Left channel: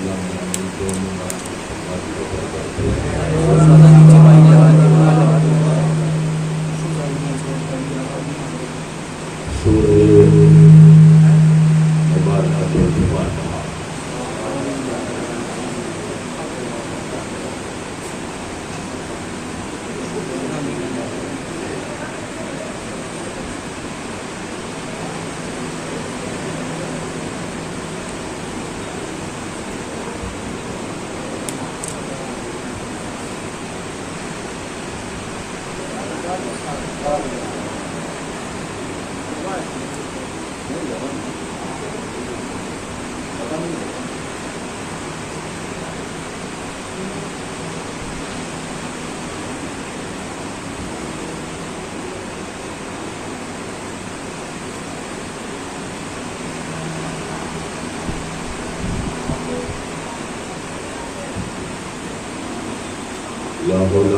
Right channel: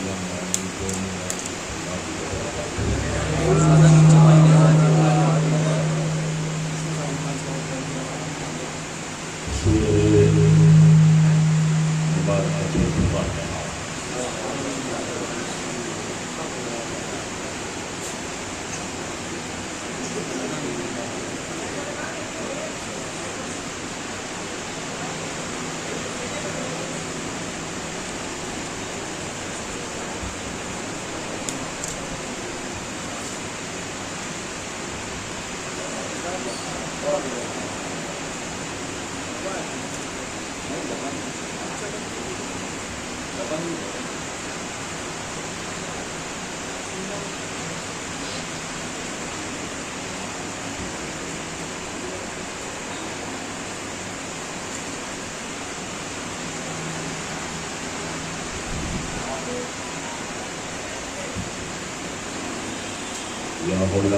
لا حول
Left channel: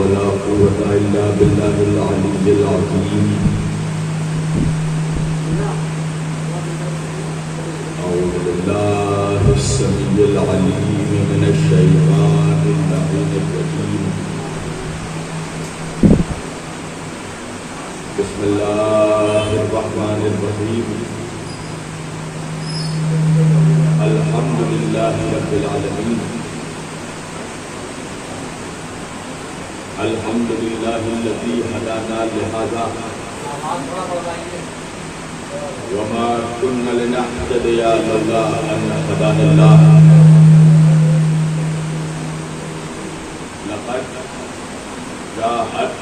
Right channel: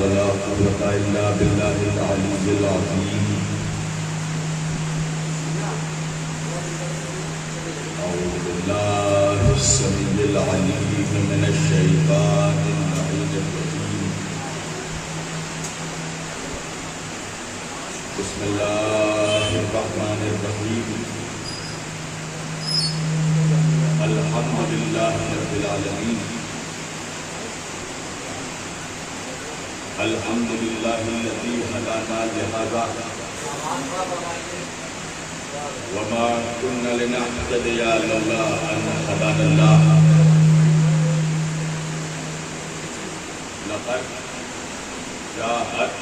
ولا قوة إلا بالله العلي العظيم. أعوذ بالله السميع العليم من الشيطان اللعين الرجيم. بسم الله الرحمن الرحيم. الحمد لله رب العالمين. الحمد لله الذي هدانا لهذا وما كنا لنهتدي لولا أن هدانا الله. لقد جاءت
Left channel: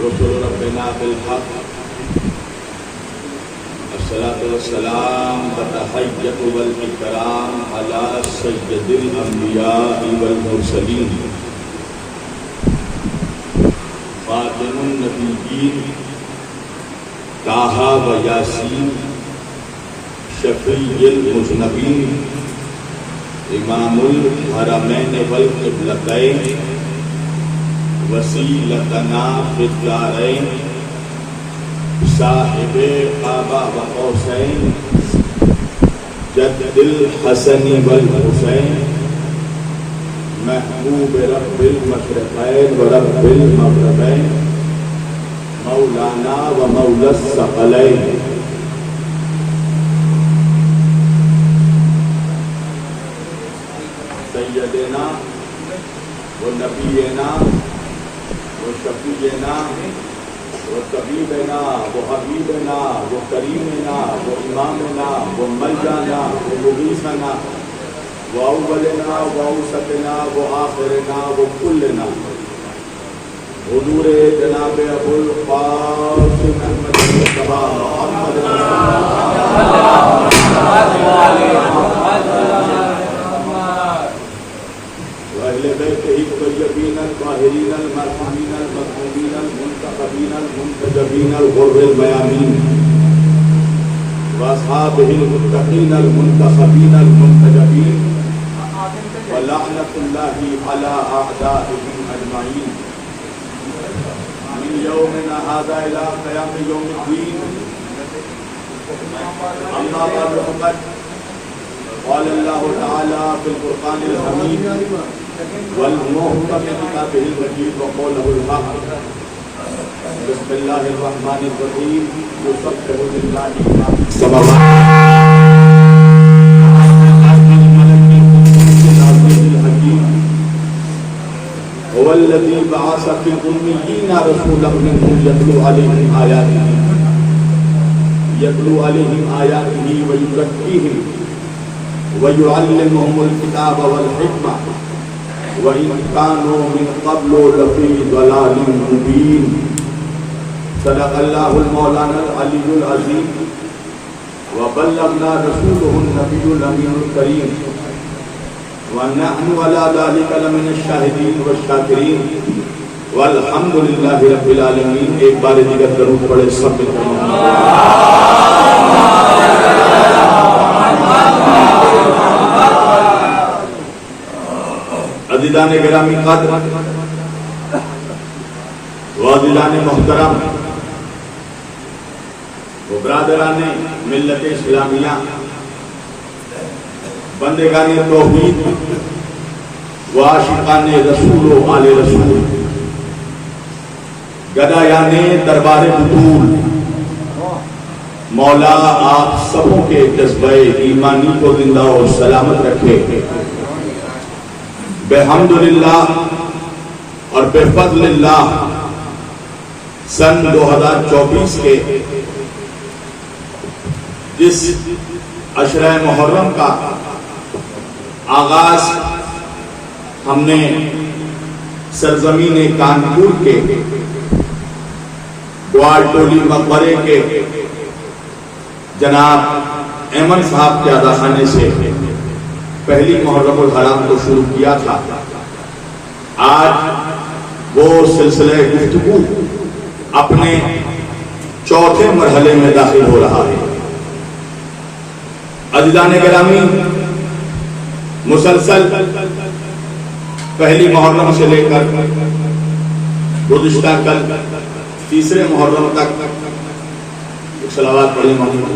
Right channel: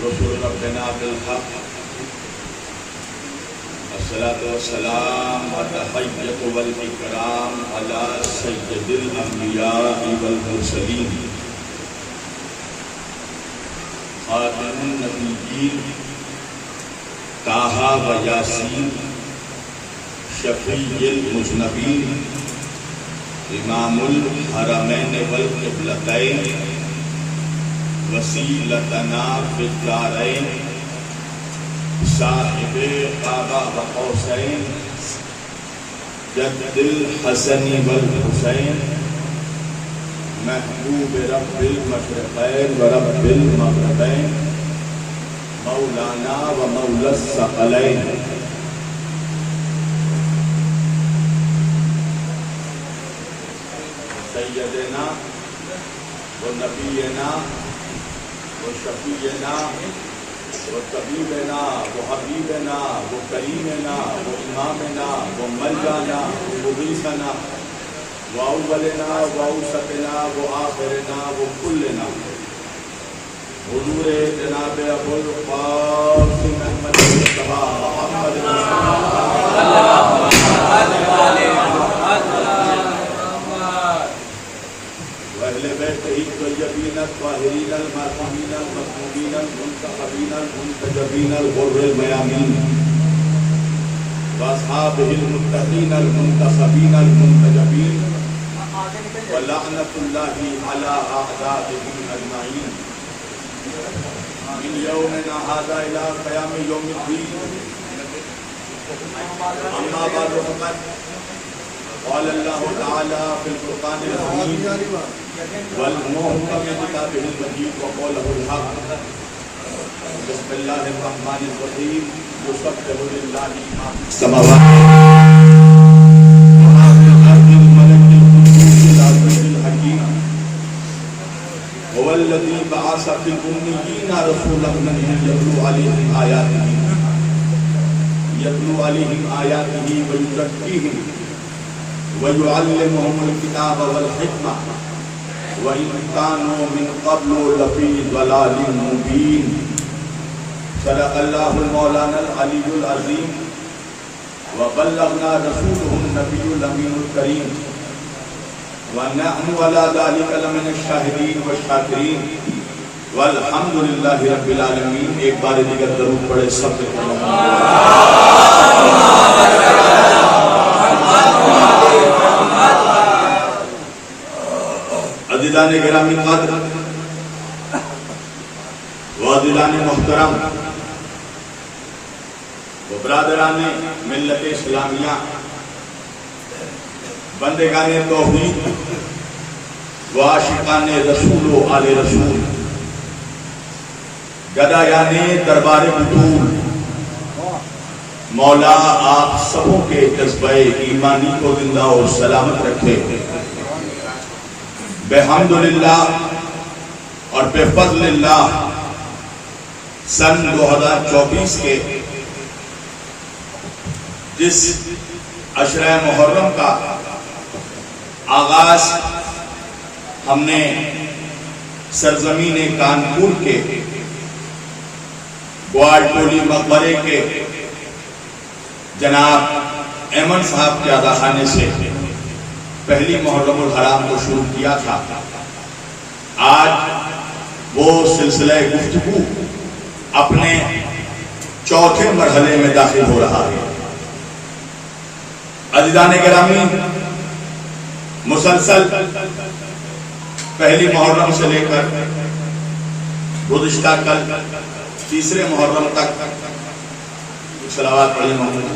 رسل ربنا بالحق. الصلاة والسلام والتحية والإكرام على سيد الأنبياء والمرسلين خاتم النبیین طٰہٰ و یاسین شفیع المذنبین امام الحرمین والقبلتین وسیلتنا فی الدارین صاحب قاب و قوسین جد الحسن والحسین محبوب رب المشرقین و رب المغربین مولانا و مولا الثقلین. سیدنا و نبینا و شفیعنا و طبیبنا و حبیبنا و کریمنا و امامنا و ملجانا و مغیثنا وأولنا وأوسطنا وآخرنا وكلنا حضور جناب ابو القاسم احمد مصطفیٰ محمد وأهل بيته الطيبين الطاهرين المعصومين المظلومين المنتخبين المنتجبين الغر الميامين وأصحابه المتقين المنتخبين المنتجبين ولعنة الله على أعدائهم أجمعين من يومنا هذا إلى قيام يوم الدين. أما بعد فقد قال الله تعالى في القرآن الحميد والمحكم كتابه المجيد وقوله الحق. بسم الله الرحمن الرحيم. يسبح لله ما في السماوات هو الذي بعث في الأميين رسولا منهم يتلو عليهم آياته ويزكيهم ويعلمهم الكتاب والحكمة وإن كانوا من قبل لفي ضلال مبين. صدق الله المولانا العلي العظيم وبلغنا رسوله النبي الأمين الكريم ونحن على ذلك لمن الشاهدين والشاكرين والحمد لله رب العالمين. ایک بار دیگر درود پڑھے سب عزیزان گرامی قدر و عزیزان محترم و برادران ملت اسلامیہ، بندگان توحید و عاشقان رسول و آل رسول، گدایان دربار بطول، مولا آپ سبوں کے جذبہ ایمانی کو زندہ و سلامت رکھے۔ بحمدللہ اور بفضل اللہ سن 2024 کے جس عشرہ محرم کا آغاز ہم نے سرزمین کانپور کے گوال ٹولی مقبرے کے جناب ایمن صاحب کے ادا خانے سے پہلی محرم الحرام کو شروع کیا تھا۔ آج وہ سلسلہ گفتگو اپنے چوتھے مرحلے میں داخل ہو رہا ہے۔ عزیزان گرامی، مسلسل پہلی محرم سے لے کر گزشتہ کل تیسرے محرم تک صلوات پڑھیں محمد۔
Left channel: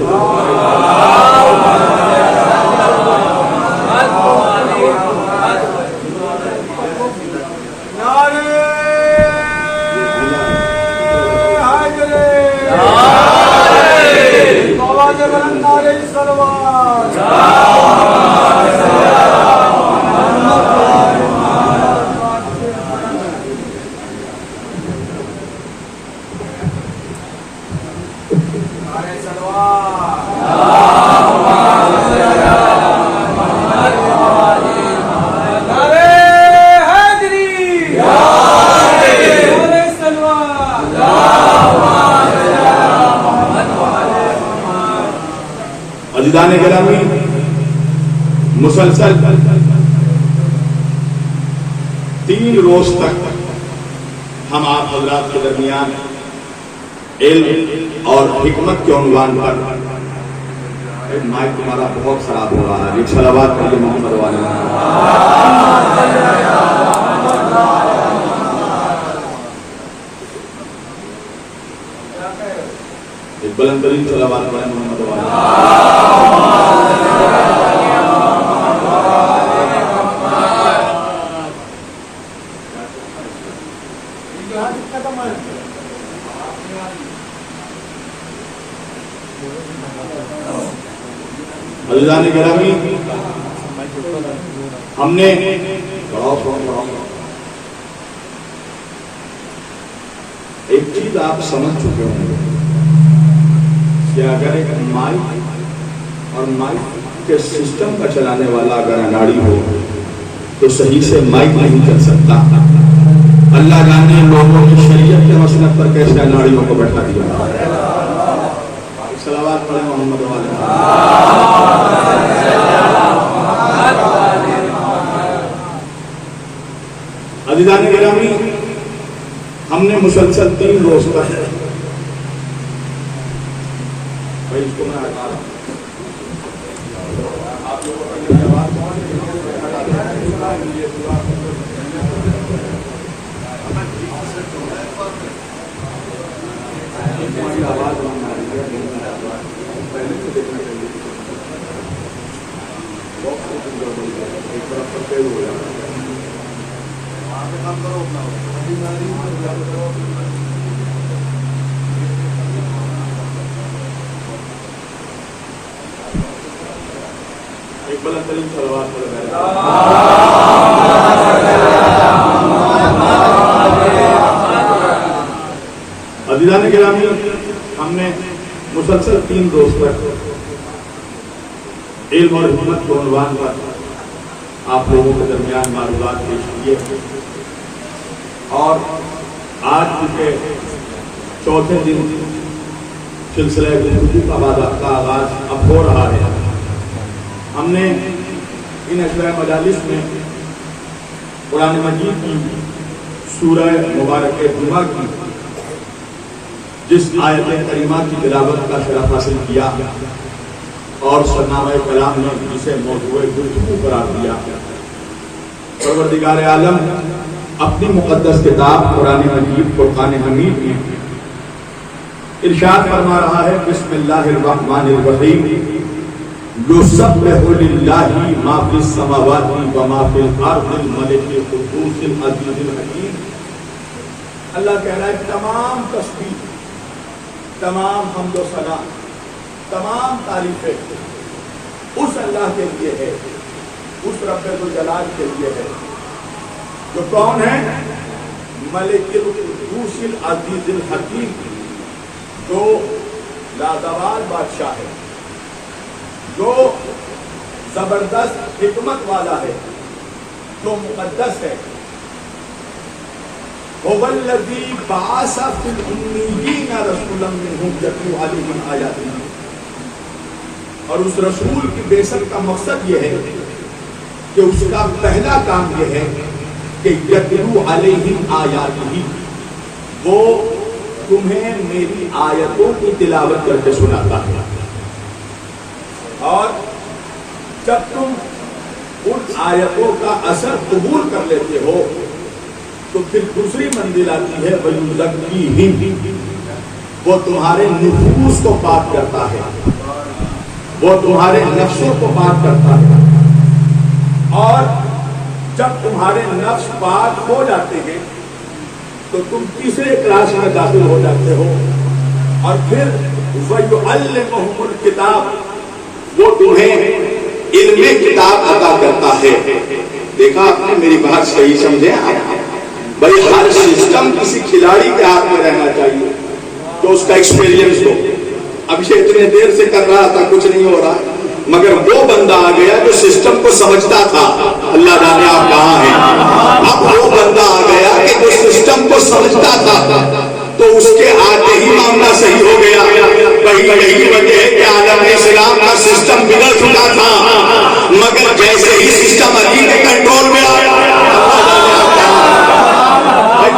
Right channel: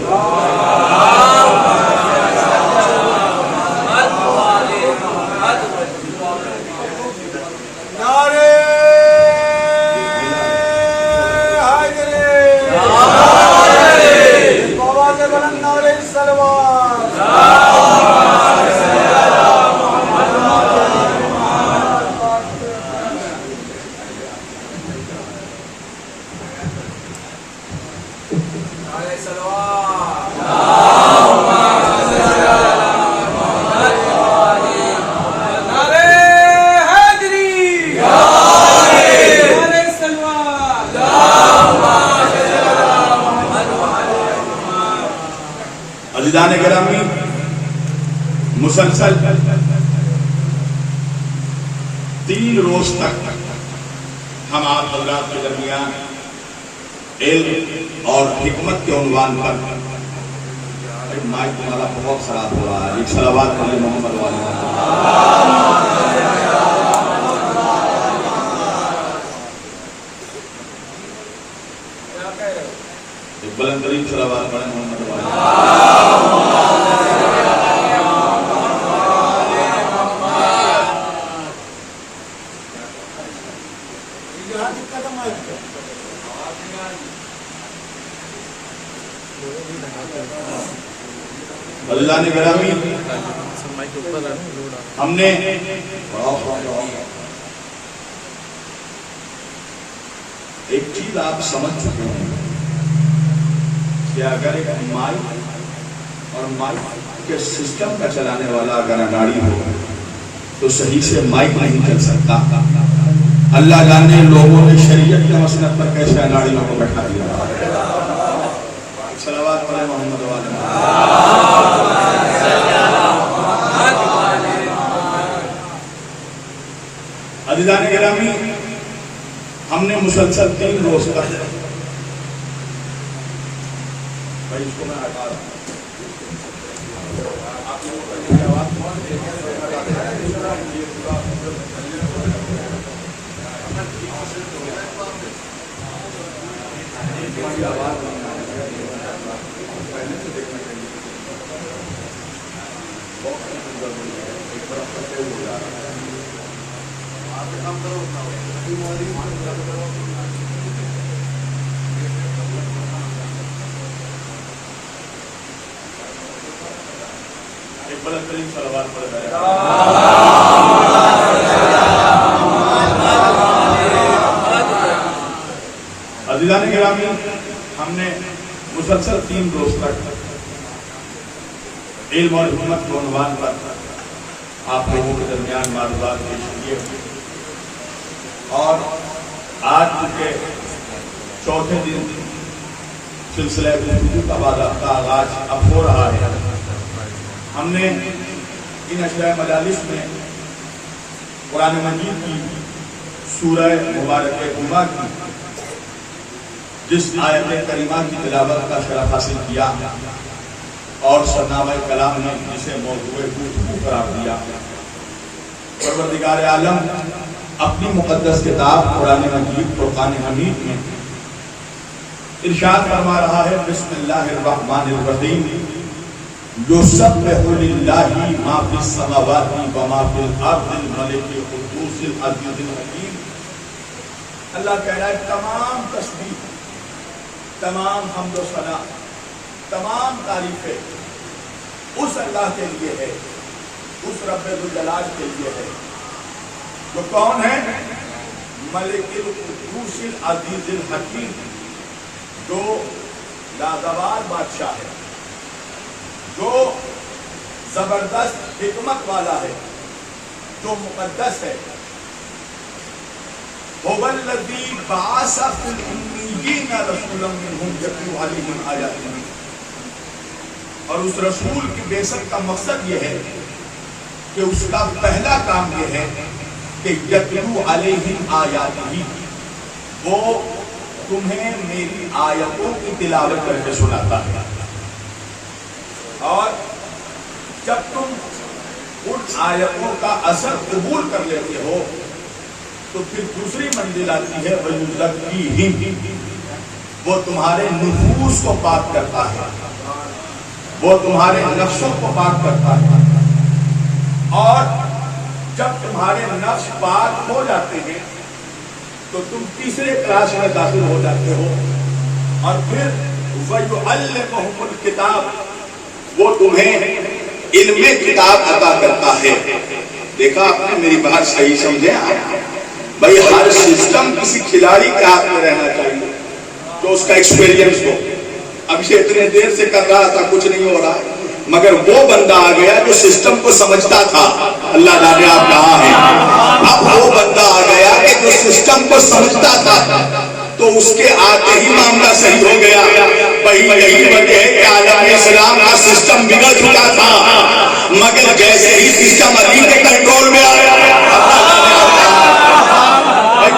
عزیزان گرامی، مسلسل 3 روز تک ہم آپ حضرات کے درمیان علم اور حکمت کے عنوان پر، مائک تمہارا بہت خراب ہو رہا ہے، ایک صلوات پڑھیں محمد والا۔ ایک بلند ترین صلوات پڑھیں محمد والا۔ عزیزان گرامی، ہم نے ایک چیز آپ سمجھ چکے ہوں گے کہ اگر ایک مائک اور مائک کے سسٹم کا چلانے والا اگر اناڑی ہو تو صحیح سے مائک نہیں چل سکتا۔ اللہ جانے لوگوں نے شریعت کے مسلک پر کیسے اناڑیوں کو بیٹھا دیا۔ صلوات پڑھیں محمد والا۔ عزیزان گرامی، ہم نے مسلسل 3 روز تک بھائی اس کو میں ہٹا رہا ہوں، آپ لوگوں کو میری آواز پہنچ رہی ہے، آواز پہلے سے دیکھنا چاہیے، ایک طرف پر فیل ہو جائے۔ ایک بلند ترین صلوات پڑھیں۔ عزیزان گرامی، ہم نے مسلسل 3 روز تک علم اور حکمت کے عنوان پر آپ لوگوں کے درمیان معلومات پیش کیے، اور آج کے چوتھے دن سلسلہ گفتگو کا آغاز اب ہو رہا ہے۔ ہم نے ان عشرہ مجالس میں قرآن مجید کی سورہ مبارک جمعہ کی جس آیت کریمہ کی تلاوت کا شرف حاصل کیا اور سرنامہ کلام نے جسے موضوع گفتگو قرار دیا، پروردگار عالم اپنی مقدس کتاب قرآن مجید فرقان حمید میں ارشاد فرما رہا ہے، بسم اللہ الرحمن الرحیم، یسبح للہ ما فی السماوات و ما فی الارض الملک القدوس العزیز الحکیم. اللہ کہہ رہا ہے تمام تسبیح، تمام حمد و ثنا، تمام تعریفیں اس اللہ کے لیے ہے، اس رب ذوالجلال کے لیے ہے جو کون ہے؟ ملک القدوس العزیز الحکیم، جو لازوال بادشاہ ہے، جو زبردست حکمت والا ہے، جو مقدس ہے. هو الذی بعث فی الامیین رسولا منہم یتلو علیہم آیاتہ. اور اس رسول کی بعثت کا مقصد یہ ہے کہ اس کا پہلا کام یہ ہے کہ یتلو علیہم آیاتہ، وہ تمہیں میری آیتوں کی تلاوت کر کے سناتا ہے. اور جب تم ان آیتوں کا اثر قبول کر لیتے ہو تو پھر دوسری منزل آتی ہے وَيُزَكِّيهِمْ، وہ تمہارے نفوس کو پاک کرتا ہے، وہ تمہارے نفسوں کو پاک کرتا ہے. اور جب تمہارے نفس پاک ہو جاتے ہیں تو تم تیسرے کلاس میں داخل ہو جاتے ہو. اور پھر وَيُعَلِّمُهُمُ الْكِتَابَ، وہ تمہیں علم کتاب عطا کرتا ہے. دیکھا آپ نے میری بات صحیح سمجھے؟ بھائی ہر سسٹم کسی کھلاڑی کے ہاتھ میں رہنا چاہیے تو اس کا ایکسپیرینس ہو. اب یہ اتنے دیر سے کر رہا تھا، کچھ نہیں ہو رہا، مگر وہ بندہ آ گیا جو سسٹم کو سمجھتا تھا. اللہ جانے آپ کہاں ہیں. اب وہ بندہ آ گیا کہ جو سسٹم کو سمجھتا تھا تو اس کے آتے ہی معاملہ صحیح ہو گیا. بھائی یہی وجہ ہے کہ عالم اسلام کا سسٹم بگڑ چکا تھا، مگر جیسے ہی سسٹم علی کے کنٹرول میں آیا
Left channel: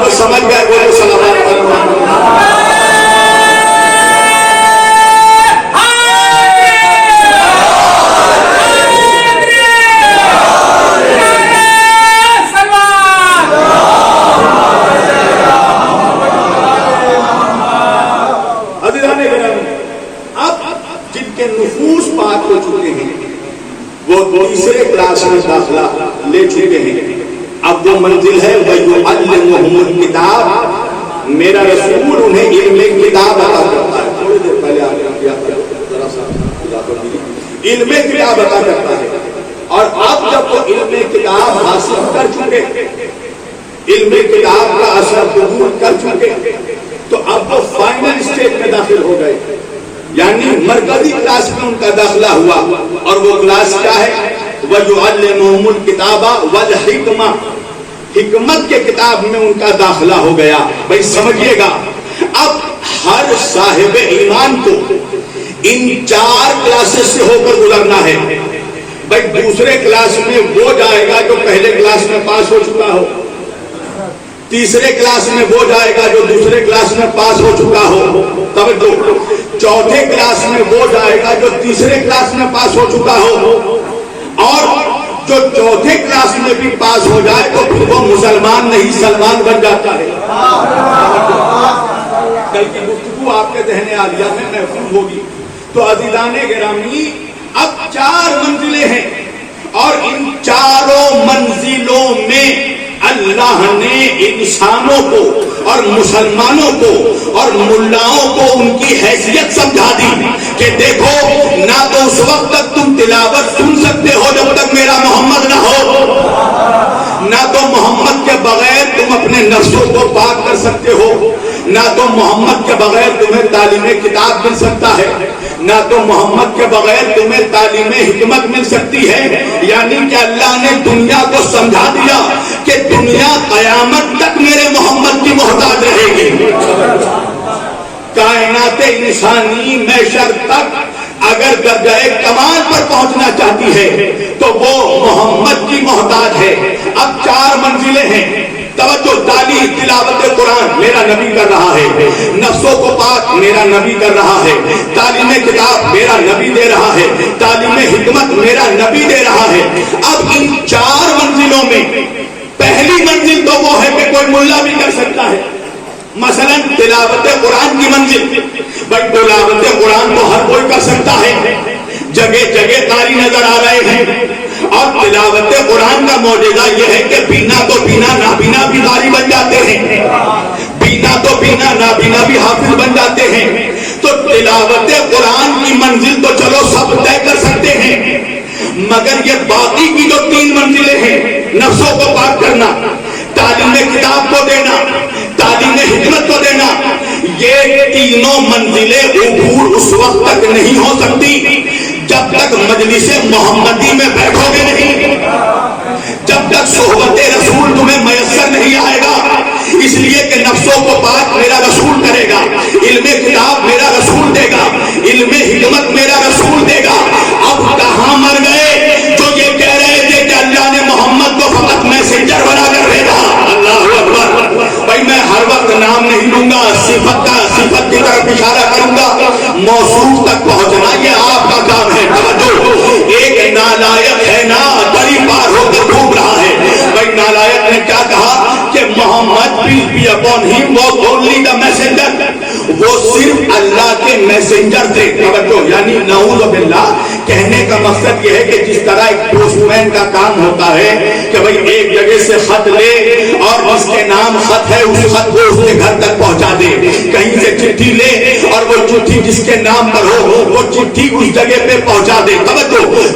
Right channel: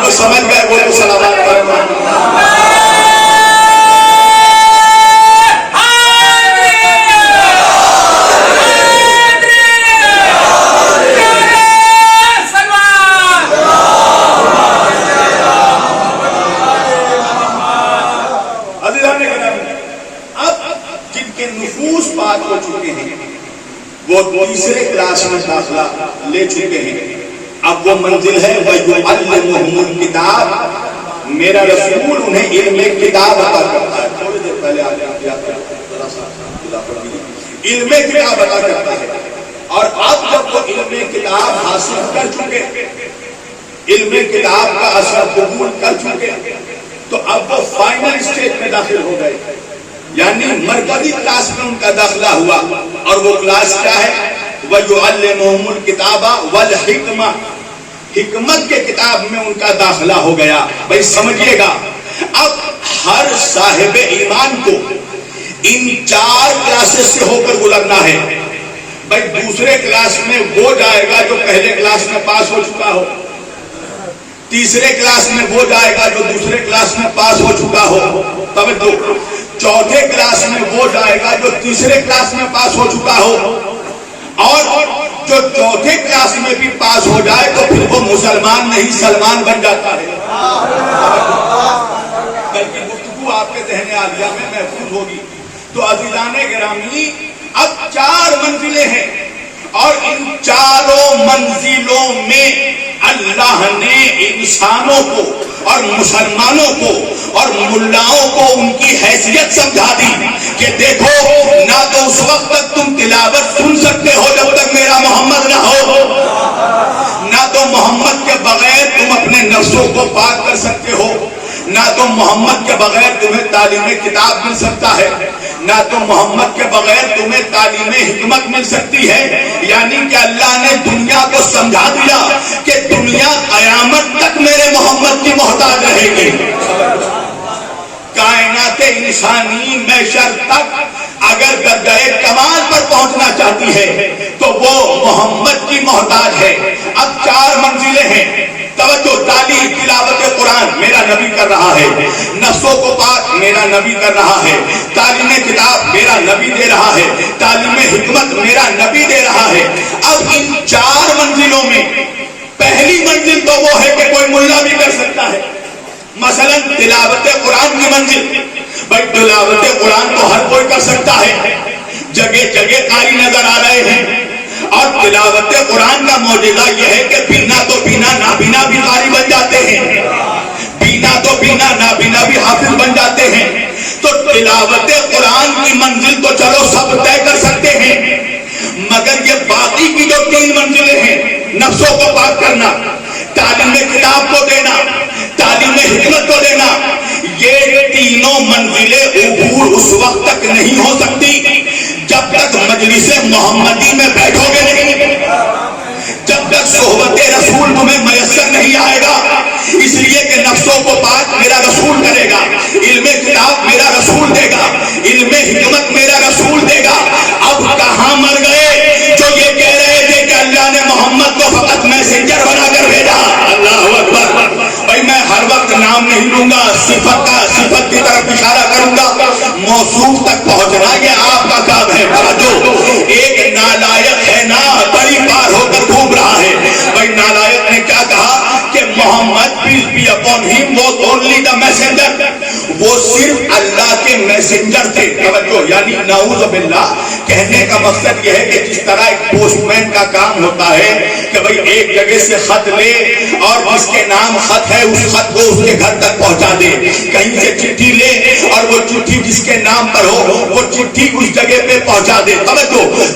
تو سمجھ گئے. وہ تو سلامات کرنا. نفوس پاک ہو چکے ہیں، وہ تیسرے کلاس میں داخلہ لے چکے ہیں. اب وہ منزل ہے وَيُعَلِّمُهُمُ الْكِتَابَ، میرا رسول انہیں علم کتاب عطا کرتا ہے. تھوڑی دیر پہلے آپ نے کیا علم کتاب عطا کرتا ہے. اور اب جب وہ علم کتاب حاصل کر چکے، علم کتاب کا اثر قبول کر چکے، تو اب وہ فائنل اسٹیج میں داخل ہو گئے، یعنی مرکزی کلاس میں ان کا داخلہ ہوا. اور وہ کلاس کیا ہے؟ وَيُعَلِّمُهُمُ الْكِتَابَ وَالْحِكْمَةَ، حکمت کے کتاب میں ان کا داخلہ ہو گیا. بھائی سمجھیے گا، اب ہر صاحب ایمان کو ان 4 کلاسز سے ہو کر گزرنا ہے. بھائی دوسرے کلاس میں وہ جائے گا جو پہلے کلاس میں پاس ہو چکا ہو، تیسرے کلاس میں وہ جائے گا جو دوسرے کلاس میں پاس ہو چکا ہو، توجہ، چوتھے کلاس میں وہ جائے گا جو تیسرے کلاس میں پاس ہو چکا ہو، اور جو چوتھے کلاس میں بھی پاس ہو جائے تو پھر وہ مسلمان نہیں سلمان بن جاتا ہے. کل کی گفتگو آپ کے ذہن عالیہ میں محفوظ ہوگی. تو عزیزان گرامی، اب 4 منزلیں ہیں، اور ان 4 منزلوں میں اللہ نے انسانوں کو اور مسلمانوں کو اور ملاؤں کو ان کی حیثیت سمجھا دی کہ دیکھو، نہ تو اس وقت تک تم تلاوت سن سکتے ہو جب تک میرا محمد نہ ہو، نہ تو محمد کے بغیر تم اپنے نفسوں کو پاک کر سکتے ہو، نہ تو محمد کے بغیر تمہیں تعلیم کتاب مل سکتا ہے، نہ تو محمد کے بغیر تمہیں تعلیم حکمت مل سکتی ہے. یعنی کہ اللہ نے دنیا کو سمجھا دیا کہ دنیا قیامت تک میرے محمد کی محتاج رہے گی. کائنات انسانی محشر تک اگر درجہ کمال پر پہنچنا چاہتی ہے تو وہ محمد کی محتاج ہے. اب 4 منزلیں ہیں. توجہ، تعلیم تلاوت قرآن میرا نبی کر رہا ہے، نفسوں کو پاک میرا نبی کر رہا ہے، تعلیم کتاب میرا نبی دے رہا ہے، تعلیم حکمت میرا نبی دے رہا ہے. اب ان 4 منزلوں میں پہلی منزل تو وہ ہے کہ کوئی ملا بھی کر سکتا ہے. مثلا تلاوت قرآن کی منزل، بھائی تلاوت قرآن تو ہر کوئی کر سکتا ہے، جگہ جگہ قاری نظر آ رہے ہیں. اور تلاوت قرآن کا معجزہ یہ ہے کہ بینا تو بینا نابینا بھی قاری بن جاتے ہیں, بینا تو بینا نابینا بھی حافظ بن جاتے ہیں. تو تلاوت قرآن کی منزل تو چلو سب طے کر سکتے ہیں, مگر یہ باقی کی جو 3 منزلیں ہیں, نفسوں کو پاک کرنا, تعلیم کتاب کو دینا, تعلیم حکمت کو دینا, یہ تینوں منزلیں عبور اس وقت تک نہیں ہو سکتی جب تک مجلس محمدی میں بیٹھو گے نہیں, جب تک صحبت رسول تمہیں میسر نہیں آئے گا. اس لیے کہ نفسوں کو پاک میرا رسول کرے گا, علم کتاب میرا رسول دے گا, علم حکمت میرا رسول دے گا. اب کہاں مر گئے جو یہ کہہ رہے تھے کہ اللہ نے محمد کو فقط میسنجر بنا کر بھیجا. اللہ اکبر. بھائی میں ہر وقت نام نہیں لوں گا, صفت کی طرف اشارہ کروں گا. موصوف تک پہنچنا یہ آپ کا کام ہے. ایک نالائق ہے نا, بڑی پار ہو کر ڈوب رہا ہے. بھائی نالائق نے کیا کہا کہ محمد peace be upon him was only the messenger, وہ صرف اللہ کے میسنجر تھے. یعنی نعوذ باللہ, کہنے کا مقصد یہ ہے کہ جس طرح ایک پوسٹ مین کا کام ہوتا ہے کہ بھائی ایک جگہ سے خط لے اور جس کے نام خط ہے اس خط کو اس کے گھر تک پہنچا دے, کہیں سے چٹھی لے اور وہ چٹھی جس کے نام پر ہو وہ چٹھی اس جگہ پہ پہنچا دے.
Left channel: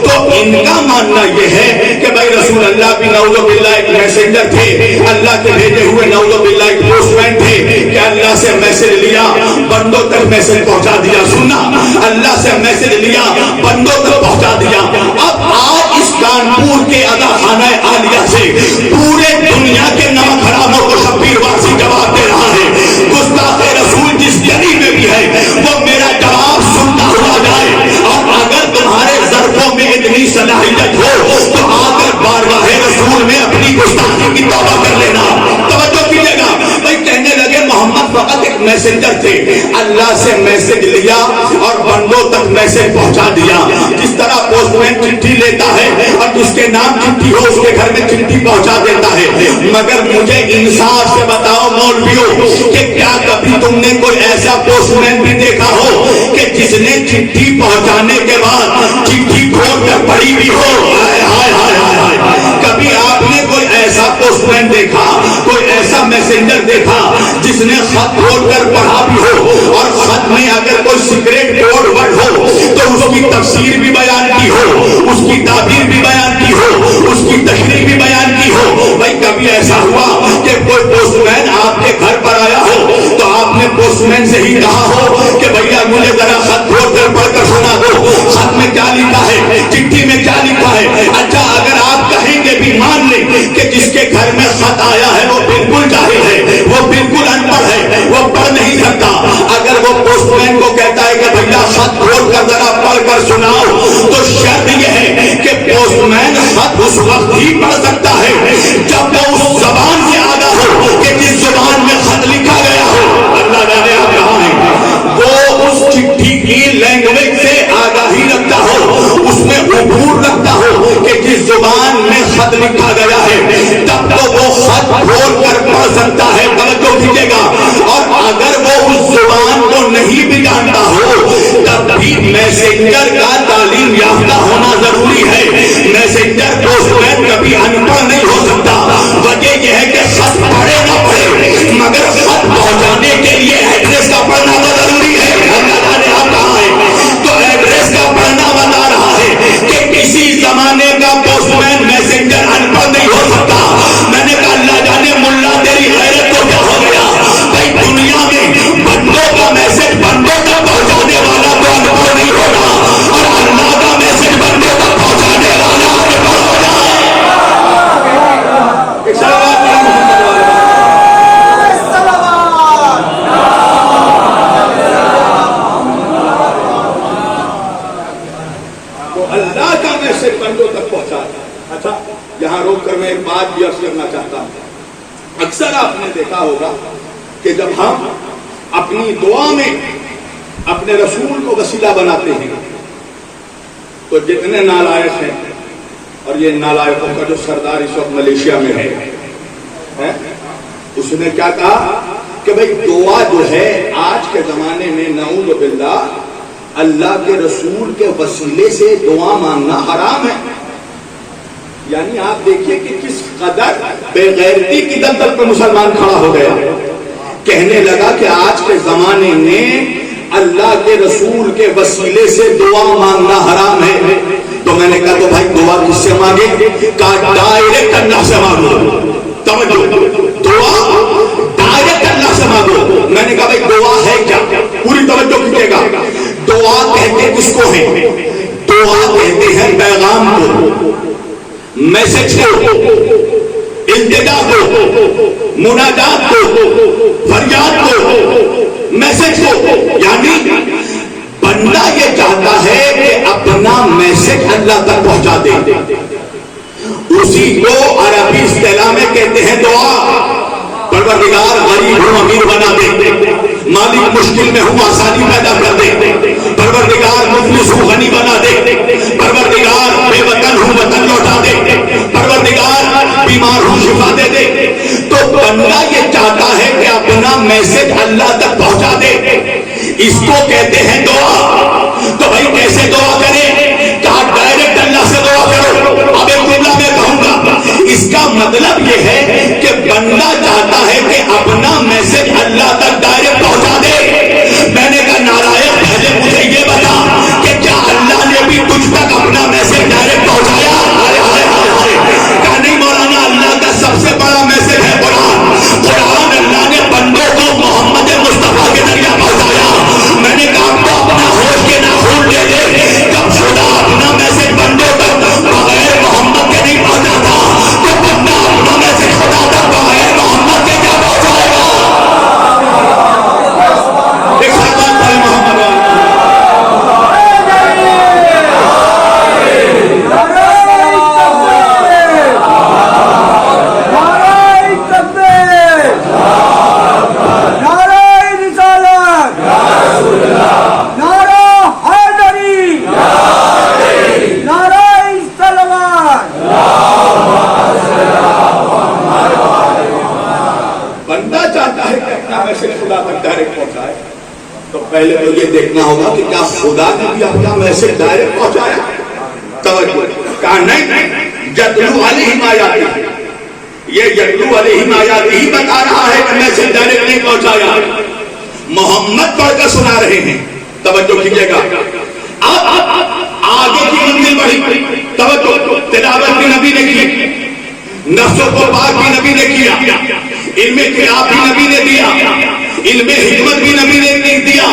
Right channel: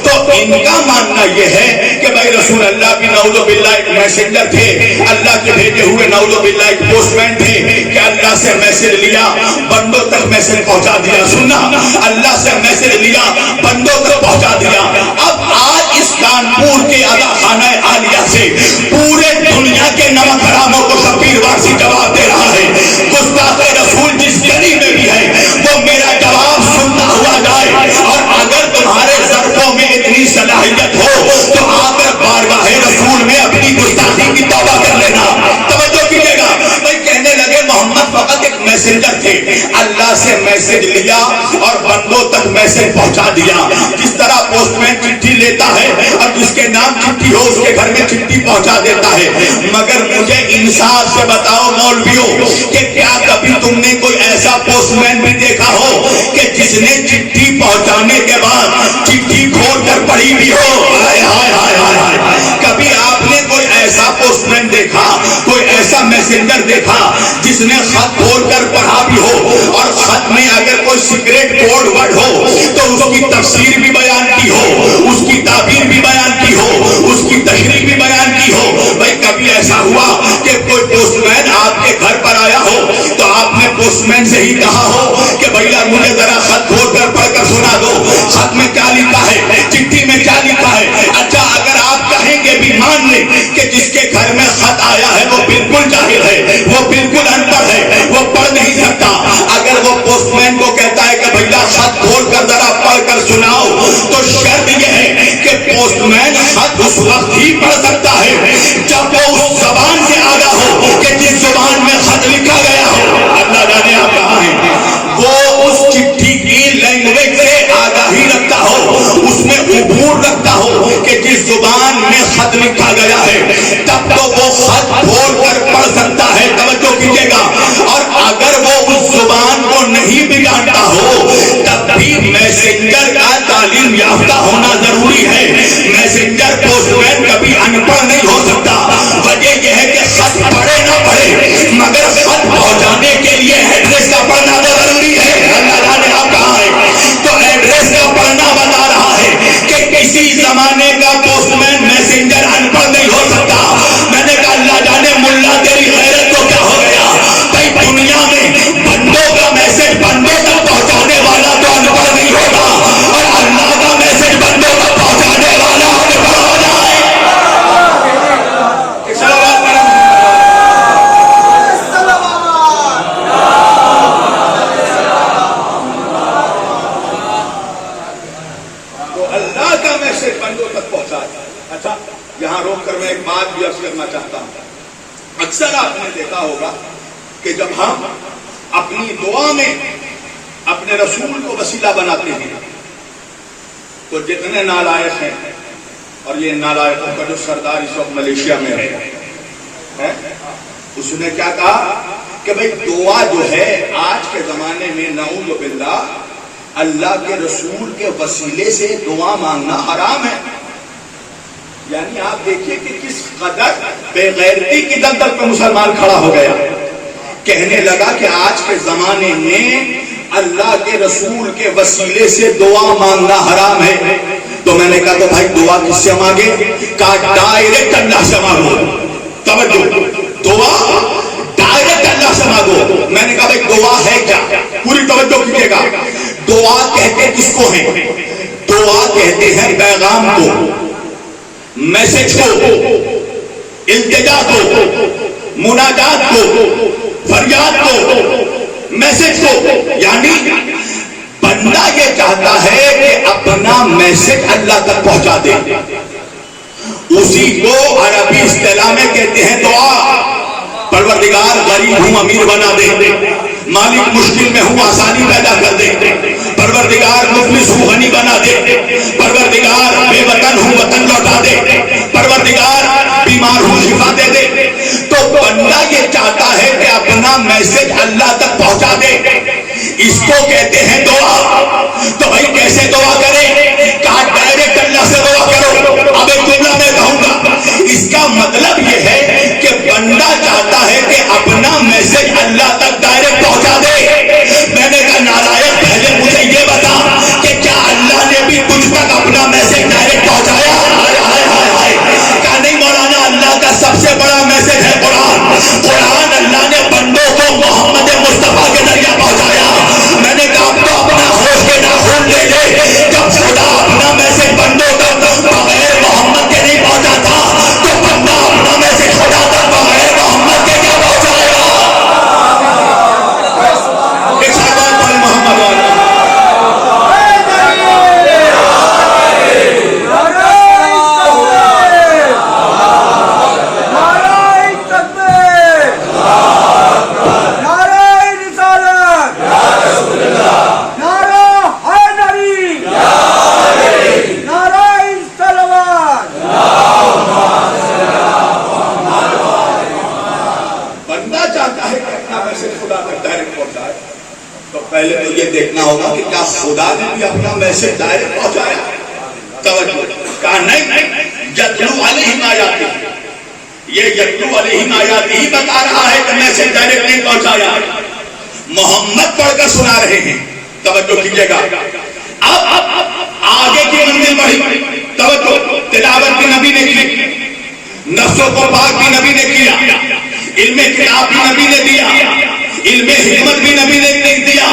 تو ان کا ماننا یہ ہے کہ بھائی رسول اللہ بھی نعوذ باللہ ایک میسنجر تھے, اللہ کے بھیجے ہوئے نعوذ باللہ ایک پوسٹ مین تھے کہ اللہ سے میسج لیا بندوں تک میسج پہنچا دیا. سننا, اللہ سے میسج لیا بندوں تک پہنچا دیا. اب آج اس کانپور کے ادا خانہ عالیہ سے پورے دنیا کے نمک حراموں کو شبیر وارسی جواب دے رہا ہے. گستاخ رسول جس گلی میں بھی ہے وہ میرا جواب سنتا ہوا جائے, اور اگر تمہارے ظرفوں میں اتنی صلاحیت ہو تو آ کر بارگاہ رسول میں اپنی گستاخی کی توبہ کر لینا. توجہ کیجیے گا. بھائی کہنے لگے محمد فقط ایک میسنجر تھے, اللہ سے میسج لیا اور بندوں تک میسج پہنچا دیا. جس طرح پوسٹ مین چٹھی لیتا ہے اور جس کے نام چٹھی ہو اس کے گھر میں چٹھی پہنچا دیتا ہے. مگر مجھے انصاف سے بتاؤ مولویوں کہ کیا کبھی تم نے کوئی ایسا پوسٹ مین بھی دیکھا ہو کہ جس نے چٹھی پہنچانے کے بعد چٹھی کھول کر پڑھی بھی ہو؟ ہائے ہائے ہائے ہائے ہائے. کبھی آپ نے کوئی ایسا پوسٹ مین دیکھا, کوئی ایسا میسنجر دیکھا جس نے خط کھول کر پڑھا بھی ہو اور خط میں اگر کوئی سیکریٹ کوڈ ورڈ ہو تو اس کی تفسیر بھی بیان کی ہو, اس کی تعبیر بھی بیان کی ہو, اس کی تشریح بھی بیان کی ہو؟ بھائی کبھی ایسا ہوا کہ کوئی پوسٹ مین آپ کے گھر پر آیا ہو تو آپ نے پوسٹ مین سے ہی کہا ہو کہ بھیا مجھے ذرا خط کھول کر پڑھ کر سنا دو, خط میں کیا لکھا ہے, چٹھی میں کیا لکھا ہے؟ اچھا اگر آپ کہیں گے بھی مان لیں کہ جس کے گھر میں خط آیا ہے وہ بالکل جاہل ہے, وہ بالکل ان پڑھ ہے, وہ پڑھ نہیں سکتا. اگر وہ پوسٹ مین کو کہتا ہے کہ بھیا خط کھول کر ذرا پڑھ کر سناؤ, تو شرط یہ ہے کہ پوسٹ مین خط اس وقت ہی پڑھ سکتا ہے جب وہ اس زبان سے آگاہ ہو کہ جس زبان میں خط لکھا گیا ہو. اللہ جانے آپ کہاں ہیں, وہ اس چٹھی کی لینگویج سے آگاہی رکھتا ہو, اس میں عبور رکھتا ہو کہ جس زبان میں خط لکھا گیا ہے, تب تو وہ خط کھول کر پڑھ سکتا ہے. توجہ کیجیے گا. اور اگر وہ اس زبان کو نہیں بھی جانتا ہو تب بھی میسنجر کا تعلیم یافتہ ہونا ضروری ہے. میسنجر پوسٹ مین کبھی ان پڑھ نہیں ہو سکتا. وجہ یہ ہے کہ خط پڑھے نہ پڑھے مگر خط پہنچانے کے لیے ایڈریس کا پڑھنا تو ضروری ہے. آپ کہاں ہے تو ایڈریس کا پڑھنا بتا رہا ہے کہ کسی زمانے کا پوسٹ مین میسنجر ان پڑھ نہیں ہو سکتا. میں نے کہا اللہ جانے ملا تیری غیرت کو کیا ہو گیا. بھائی دنیا میں بندوں کا میسج بندوں تک پہنچانے والا تو ان پڑھ نہیں ہوگا, اور اللہ کا میسج بندوں تک پہنچانے والا ان پڑھ ہو جائے. تو اللہ کا میسج بندوں تک پہنچا. اچھا یہاں روک کر میں ایک بات بھی عرض کرنا چاہتا ہوں. اکثر آپ نے دیکھا ہوگا کہ جب ہم اپنی دعا میں اپنے رسول کو وسیلہ بناتے ہیں تو جتنے نالائق ہیں, اور یہ نالائقوں کا جو سردار اس وقت ملیشیا میں ہے, اس نے کیا کہا کہ بھائی دعا جو ہے آج کے زمانے میں نعوذ باللہ اللہ کے رسول کے وسیلے سے دعا مانگنا حرام ہے. یعنی آپ دیکھیے کہ کس قدر بے غیرتی کی دلدل پہ مسلمان کھڑا ہو گیا. کہنے لگا کہ آج کے زمانے میں اللہ کے رسول کے وسیلے سے دعا مانگنا حرام ہے. تو میں نے کہا تو بھائی دعا کس سے مانگے؟ کہا ڈائریکٹ اللہ سے مانگو. توجہ, دعا ڈائریکٹ اللہ سے مانگو. میں نے کہا بھائی دعا ہے کیا؟ پوری توجہ کیجیے گا. دعا کہتے کس کو ہیں؟ دعا کہتے ہیں پیغام کو, میسج کو, التجا کو, مناجات کو, فریاد کو, میسج کو. یعنی بندہ یہ چاہتا ہے کہ اپنا میسج اللہ تک پہنچا دے. اسی کو عربی اصطلاح میں کہتے ہیں دعا. پروردگار غریب ہوں امیر بنا دے, مالک مشکل میں ہوں آسانی پیدا کر دے, پروردگار مفلس ہوں غنی بنا دے, پروردگار بے وطن ہوں وطن لوٹا دے, پروردگار بیمار ہوں شفا دے دے. تو بندہ یہ چاہتا ہے کہ اپنا میسج اللہ تک پہنچا دے. اس کو کہتے ہیں دعا. تو بھائی کیسے دعا کرے؟ کہا ڈائریکٹ اللہ سے دعا کرو. اب ایک جملہ میں کہوں گا, اس کا مطلب یہ ہے کہ بندہ چاہتا ہے کہ اپنا میسج اللہ تک ڈائریکٹ پہنچا دے. میں نے کہا نارائن پہلے مجھے یہ بتا کہ کیا اللہ نے بھی تجھ تک اپنا میسج ڈائریکٹ پہنچایا؟ کہا نہیں مولانا, اللہ کا سب سے بڑا میسج ہے قرآن. قرآن اللہ نے بندوں کو محمد مصطفیٰ کے ذریعے پہنچایا. میں نے کہا آپ تو اپنا ہوش کے ناخن دے دے. جب خدا اپنا میسج بندوں تک بغیر محمد کے نہیں پہنچاتا تو بندہ اپنا میسج خدا تک بغیر محمد کے کیا پہنچائے گا؟ ایک ساتھ بھائی محمد پہلے تو یہ دیکھنا ہوگا کہ کیا خدا نے بھی اپنا میسج ڈائریکٹ پہنچایا. توجہ, کہا نہیں یتلو علیہم آیاتہ, یہ یتلو علیہم آیاتہ ہی بتا رہا ہے کہ میسج ڈائریکٹ نہیں پہنچایا. محمد پڑھ کر سنا رہے ہیں. توجہ کیجیے گا. اب آگے کی منزل بڑھی. توجہ, تلاوت بھی نبی نے کی, نفس و پاک بھی نبی نے کیا, علم قرآن بھی نبی نے دیا, علم حکمت بھی نبی نے دیا.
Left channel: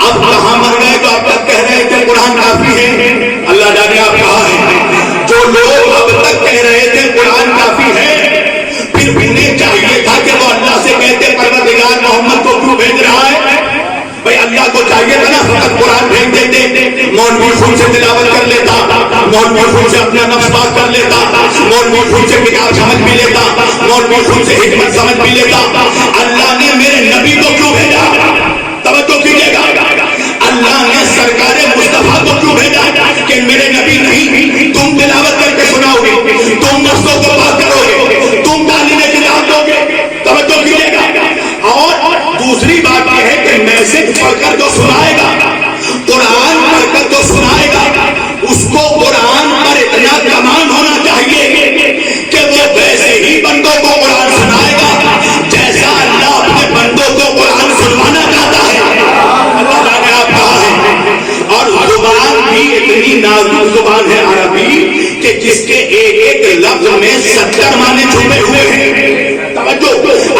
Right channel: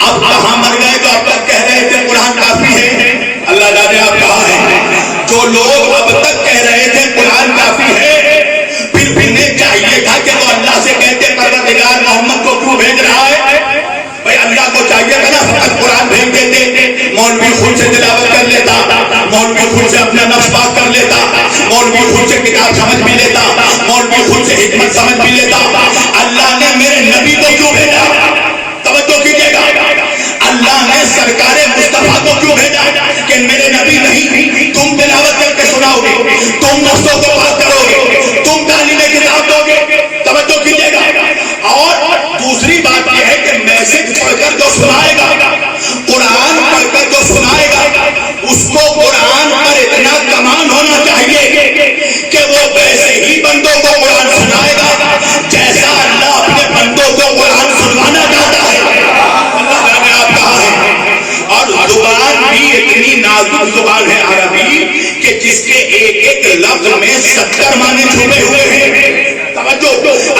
اب کہاں مر گئے جو اب تک کہہ رہے تھے قرآن کافی ہے؟ اللہ جانے آپ کہاں ہیں. جو لوگ اب تک کہہ رہے تھے قرآن کافی ہے, پھر انہیں چاہیے تھا کہ وہ اللہ سے کہتے پروردگار محمد کو کیوں بھیج رہا ہے؟ بھائی اللہ کو چاہیے تھا نا فقط قرآن بھیج دیتے. مولوی خود سے تلاوت کر لیتا, مولوی خود سے اپنا نفس پاک کر لیتا, مولوی خود سے کتاب سمجھ بھی لیتا, مولوی خود سے حکمت سمجھ بھی لیتا. اللہ نے میرے نبی کو کیوں بھیجا؟ توجہ کیجیے گا. اللہ نے سرکار مصطفیٰ کو کیوں بھیجا کہ میرے نبی نہیں, تم تلاوت کر کے سناؤ گے, تم نفسوں کو پاک کرو گے, تم تعلیم کتاب دو گے. توجہ کیجیے گا. اور دوسری بات یہ ہے کہ میسج پڑھ کر جو سنائے گا, قرآن پڑھ کر جو سنائے گا, اس کو قرآن پر اتنا کمان ہونا چاہیے کہ وہ ویسے ہی بندوں کو قرآن سنائے گا جیسا اللہ اپنے بندوں کو قرآن سنوانا چاہتا ہے. اللہ جانے آپ کہاں ہیں. اور زبان بھی اتنی نازک زبان ہے عربی کہ جس کے ایک ایک لفظ میں 70 معنی چھپے ہوئے ہیں. توجہ,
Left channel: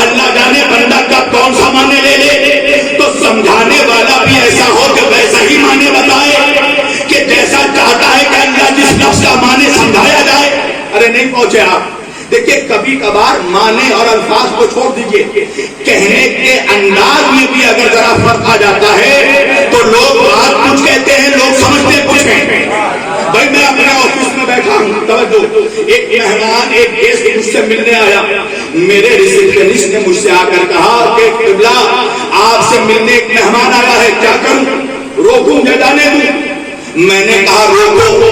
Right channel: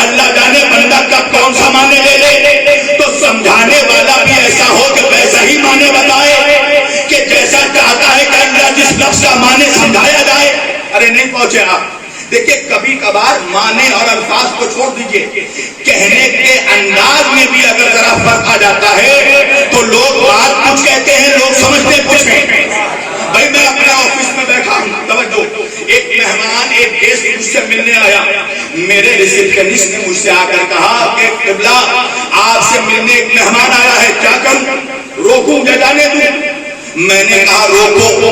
اللہ جانے بندہ کا کون سا معنی لے لے تو سمجھانے والا بھی ایسا ہو کہ ویسا ہی معنی بتائے کہ جیسا چاہتا ہے کہ اللہ جس لفظ کا معنی سمجھایا جائے. ارے نہیں پہنچے آپ. دیکھیے کبھی کبھار معنی اور الفاظ کو چھوڑ دیجئے, کہنے کے انداز میں بھی اگر ذرا فرق آ جاتا ہے تو لوگ بات کچھ کہتے ہیں, لوگ سمجھتے کچھ ہیں. بھائی میں اپنے آفس میں بیٹھا ہوں. توجہ, ایک مہمان ایک گیسٹ مجھ سے ملنے آیا. میرے ریسپشنسٹ نے مجھ سے آ کر کہا کہ قبلہ آپ سے ملنے ایک مہمان آیا ہے, کیا کروں, روکوں یا جانے دوں؟ میں نے کہا روکو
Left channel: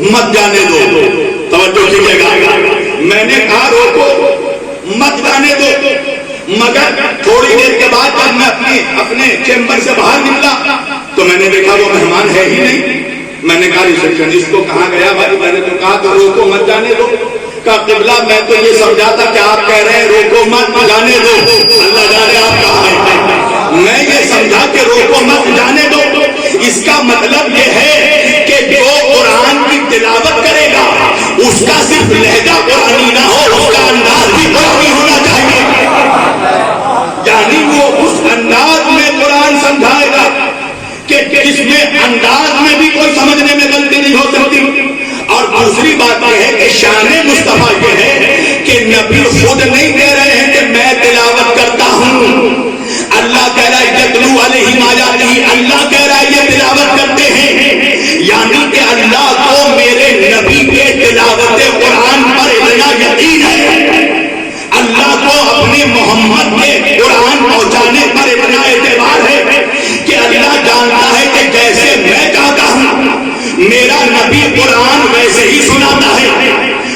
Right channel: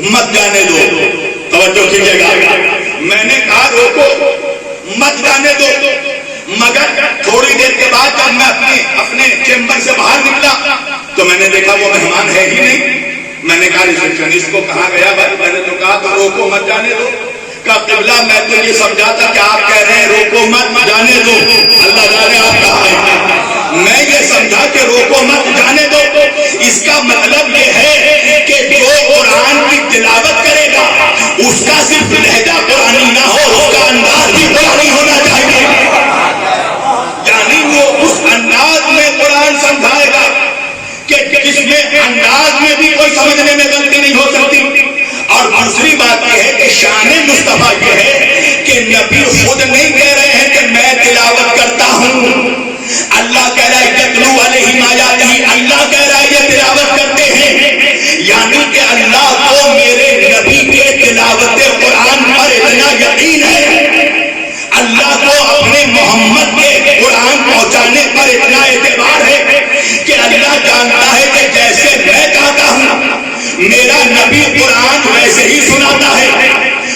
مت جانے دو. توجہ کیجیے گا. میں نے کہا روکو مت جانے دو. مگر تھوڑی دیر کے بعد جب میں اپنے چیمبر سے باہر نکلا تو میں نے دیکھا وہ مہمان ہے ہی نہیں. میں نے کہا ریسپشنسٹ کو کہاں گیا بھائی؟ میں نے تو کہا تھا روکو مت جانے دو. کہا قبلہ میں تو یہ سمجھا تھا کہ آپ کہہ رہے ہیں روکو مت جانے دو. اللہ جانے آپ کہاں ہیں. میں یہ سمجھا کہ روکو مت جانے دو. اس کا مطلب یہ ہے کہ جو قرآن کی تلاوت کرے گا اس کا صرف لہجہ قرآنی نہ ہو، اس کا انداز بھی قرآنی ہونا چاہیے. یعنی وہ اس انداز میں قرآن سمجھائے گا کہ جس میں انداز میں بھی کوئی سمجھنے میں غلطی نہیں ہو سکتی. اور دوسری بات یہ ہے کہ شان مصطفیٰ یہ ہے کہ نبی خود نہیں کہہ رہے ہیں کہ میں تلاوت کرتا ہوں. اللہ کہہ رہا ہے یتلو علیہم آیاتہ، اللہ کہہ رہا ہے یہ تلاوت کرتے ہیں. یعنی کہ اللہ کو میرے نبی کے تلاوت قرآن پر اتنا یقین ہے، اللہ کو اپنے محمد کے قرآن پہنچانے پر اتنا اعتبار ہے کہ اللہ جانتا ہے کہ جیسے میں کہتا ہوں میرا نبی قرآن ویسے ہی سناتا ہے،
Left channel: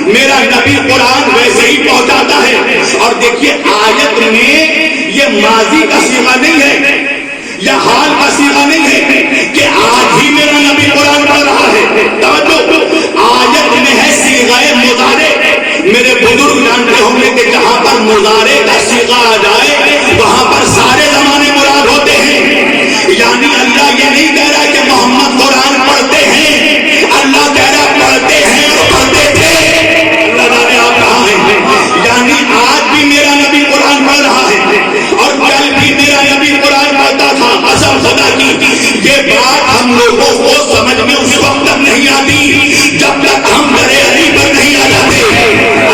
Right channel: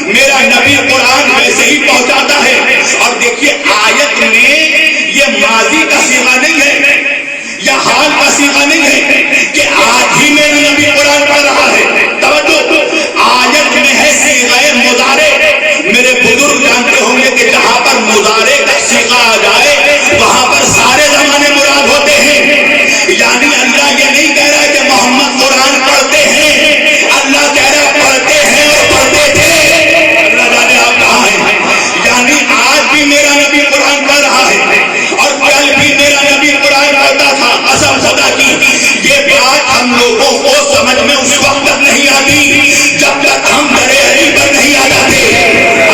میرا نبی قرآن ویسے ہی پہنچاتا ہے. اور دیکھیے آیت میں یہ ماضی کا صیغہ نہیں ہے یا حال کا صیغہ نہیں ہے کہ آج ہی میرا نبی قرآن پڑھ رہا ہے. توجہ، آیت میں ہے صیغہ مضارع. میرے بزرگ جانتے ہوں گے کہ جہاں پر مضارع کا صیغہ آ جائے وہاں پر سارے زمانے مراد ہوتے ہیں. یعنی اللہ یہ نہیں کہہ رہا کہ محمد قرآن پڑھتے ہیں، اللہ کہہ رہا پڑھتے ہیں اور پڑھتے تھے. اللہ جانے آپ کہاں ہیں. یعنی آج بھی میرا نبی قرآن پڑھ رہا ہے اور کل بھی میرا نبی قرآن پڑھتا تھا. قسم خدا کی یہ بات ہم لوگوں کو سمجھ میں اس وقت تک نہیں آتی جب تک ہم درے علی پر نہیں آ جاتے.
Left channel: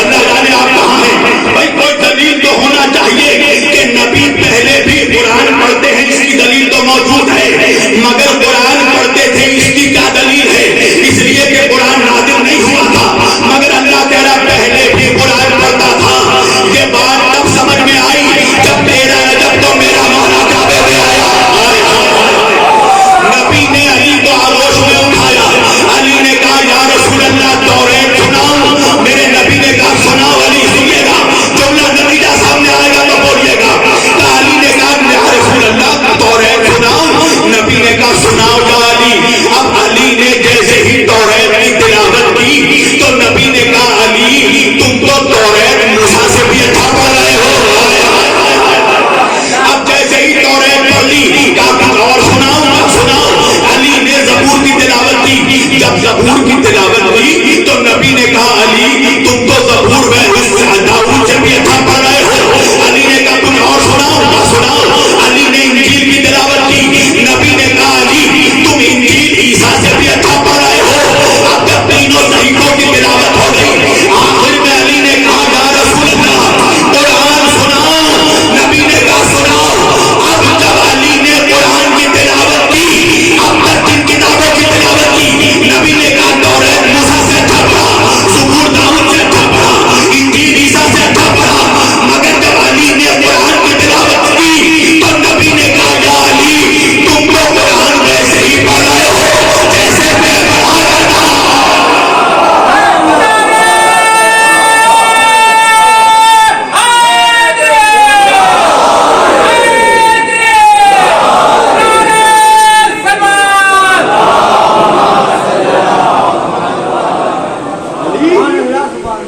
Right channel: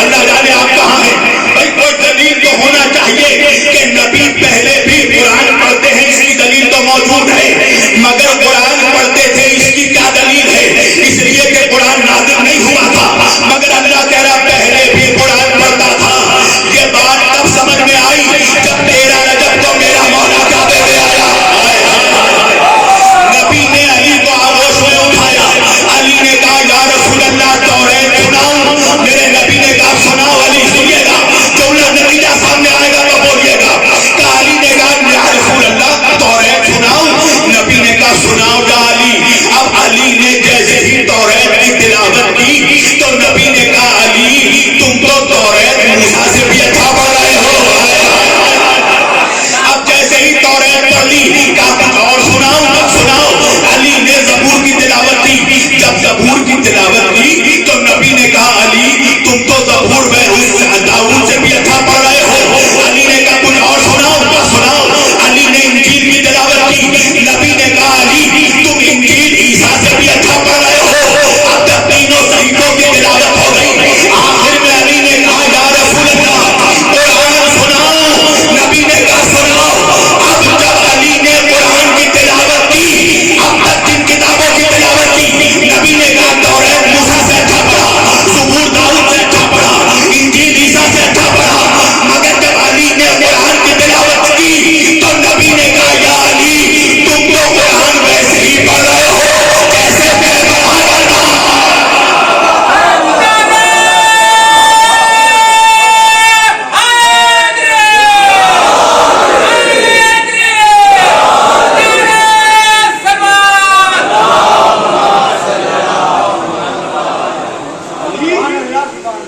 اللہ جانے آپ کہاں ہیں. بھائی کوئی دلیل تو ہونا چاہیے کہ نبی پہلے بھی قرآن پڑھتے ہیں، اس کی دلیل تو موجود ہے. مگر قرآن پڑھتے تھے اس کی کیا دلیل ہے؟ اس لیے کہ قرآن نازل نہیں ہوا تھا، مگر اللہ کہہ رہا پہلے بھی قرآن پڑھتا تھا. یہ بات تب سمجھ میں آئی جب تیرا رجب تو میرا مولا کعبے میں آیا. نبی نے علی کو آغوش میں اٹھایا. علی نے کہا یا رسول اللہ توریت سناؤ. میرے نبی نے کہا سناؤ. علی سنیے گا، جو نتیجہ سامنے آئے گا تو بولیے گا. علی نے کہا یا رسول اللہ توریت سناؤ. نبی نے کہا سناؤ یا علی. اب علی نے جیسے ہی توریت کی تلاوت کی تو نبی نے کہا علی تم تو توریت موسیٰ سے بھی اچھا پڑھ رہے ہو. اب جیسے ہی توریت پڑھ لی کہا اور سناؤ. جب سناؤ علی نے زبور کی تلاوت کی. جب زبور کی تلاوت کی تو نبی نے کہا علی تم تو زبور میں داؤد سے بھی اچھا پڑھ رہے ہو. علی نے کہا کچھ اور سناؤ. کیا سناؤ. علی نے انجیل کی تلاوت کی. نبی نے کہا علی تم انجیل عیسیٰ سے بھی اچھا پڑھ رہے ہو. اب جب تینوں صحیفوں کی تلاوت ہو گئی آخر میں علی نے کہا یا رسول اللہ قرآن سناؤ. نبی نے کہا سناؤ. اب جب علی نے قرآن کی تلاوت کی، اب تک جن کتابوں کی تلاوت کی، نبی نے کہا توریت موسیٰ سے اچھا پڑھا، زبور داؤد سے اچھا پڑھا، انجیل عیسیٰ سے اچھا پڑھا. مگر جب علی نے قرآن کی تلاوت کی تو نبی نے کہا یا علی تم تو قرآن ویسے ہی پڑھ رہے ہو جیسے میں پڑھا کرتا.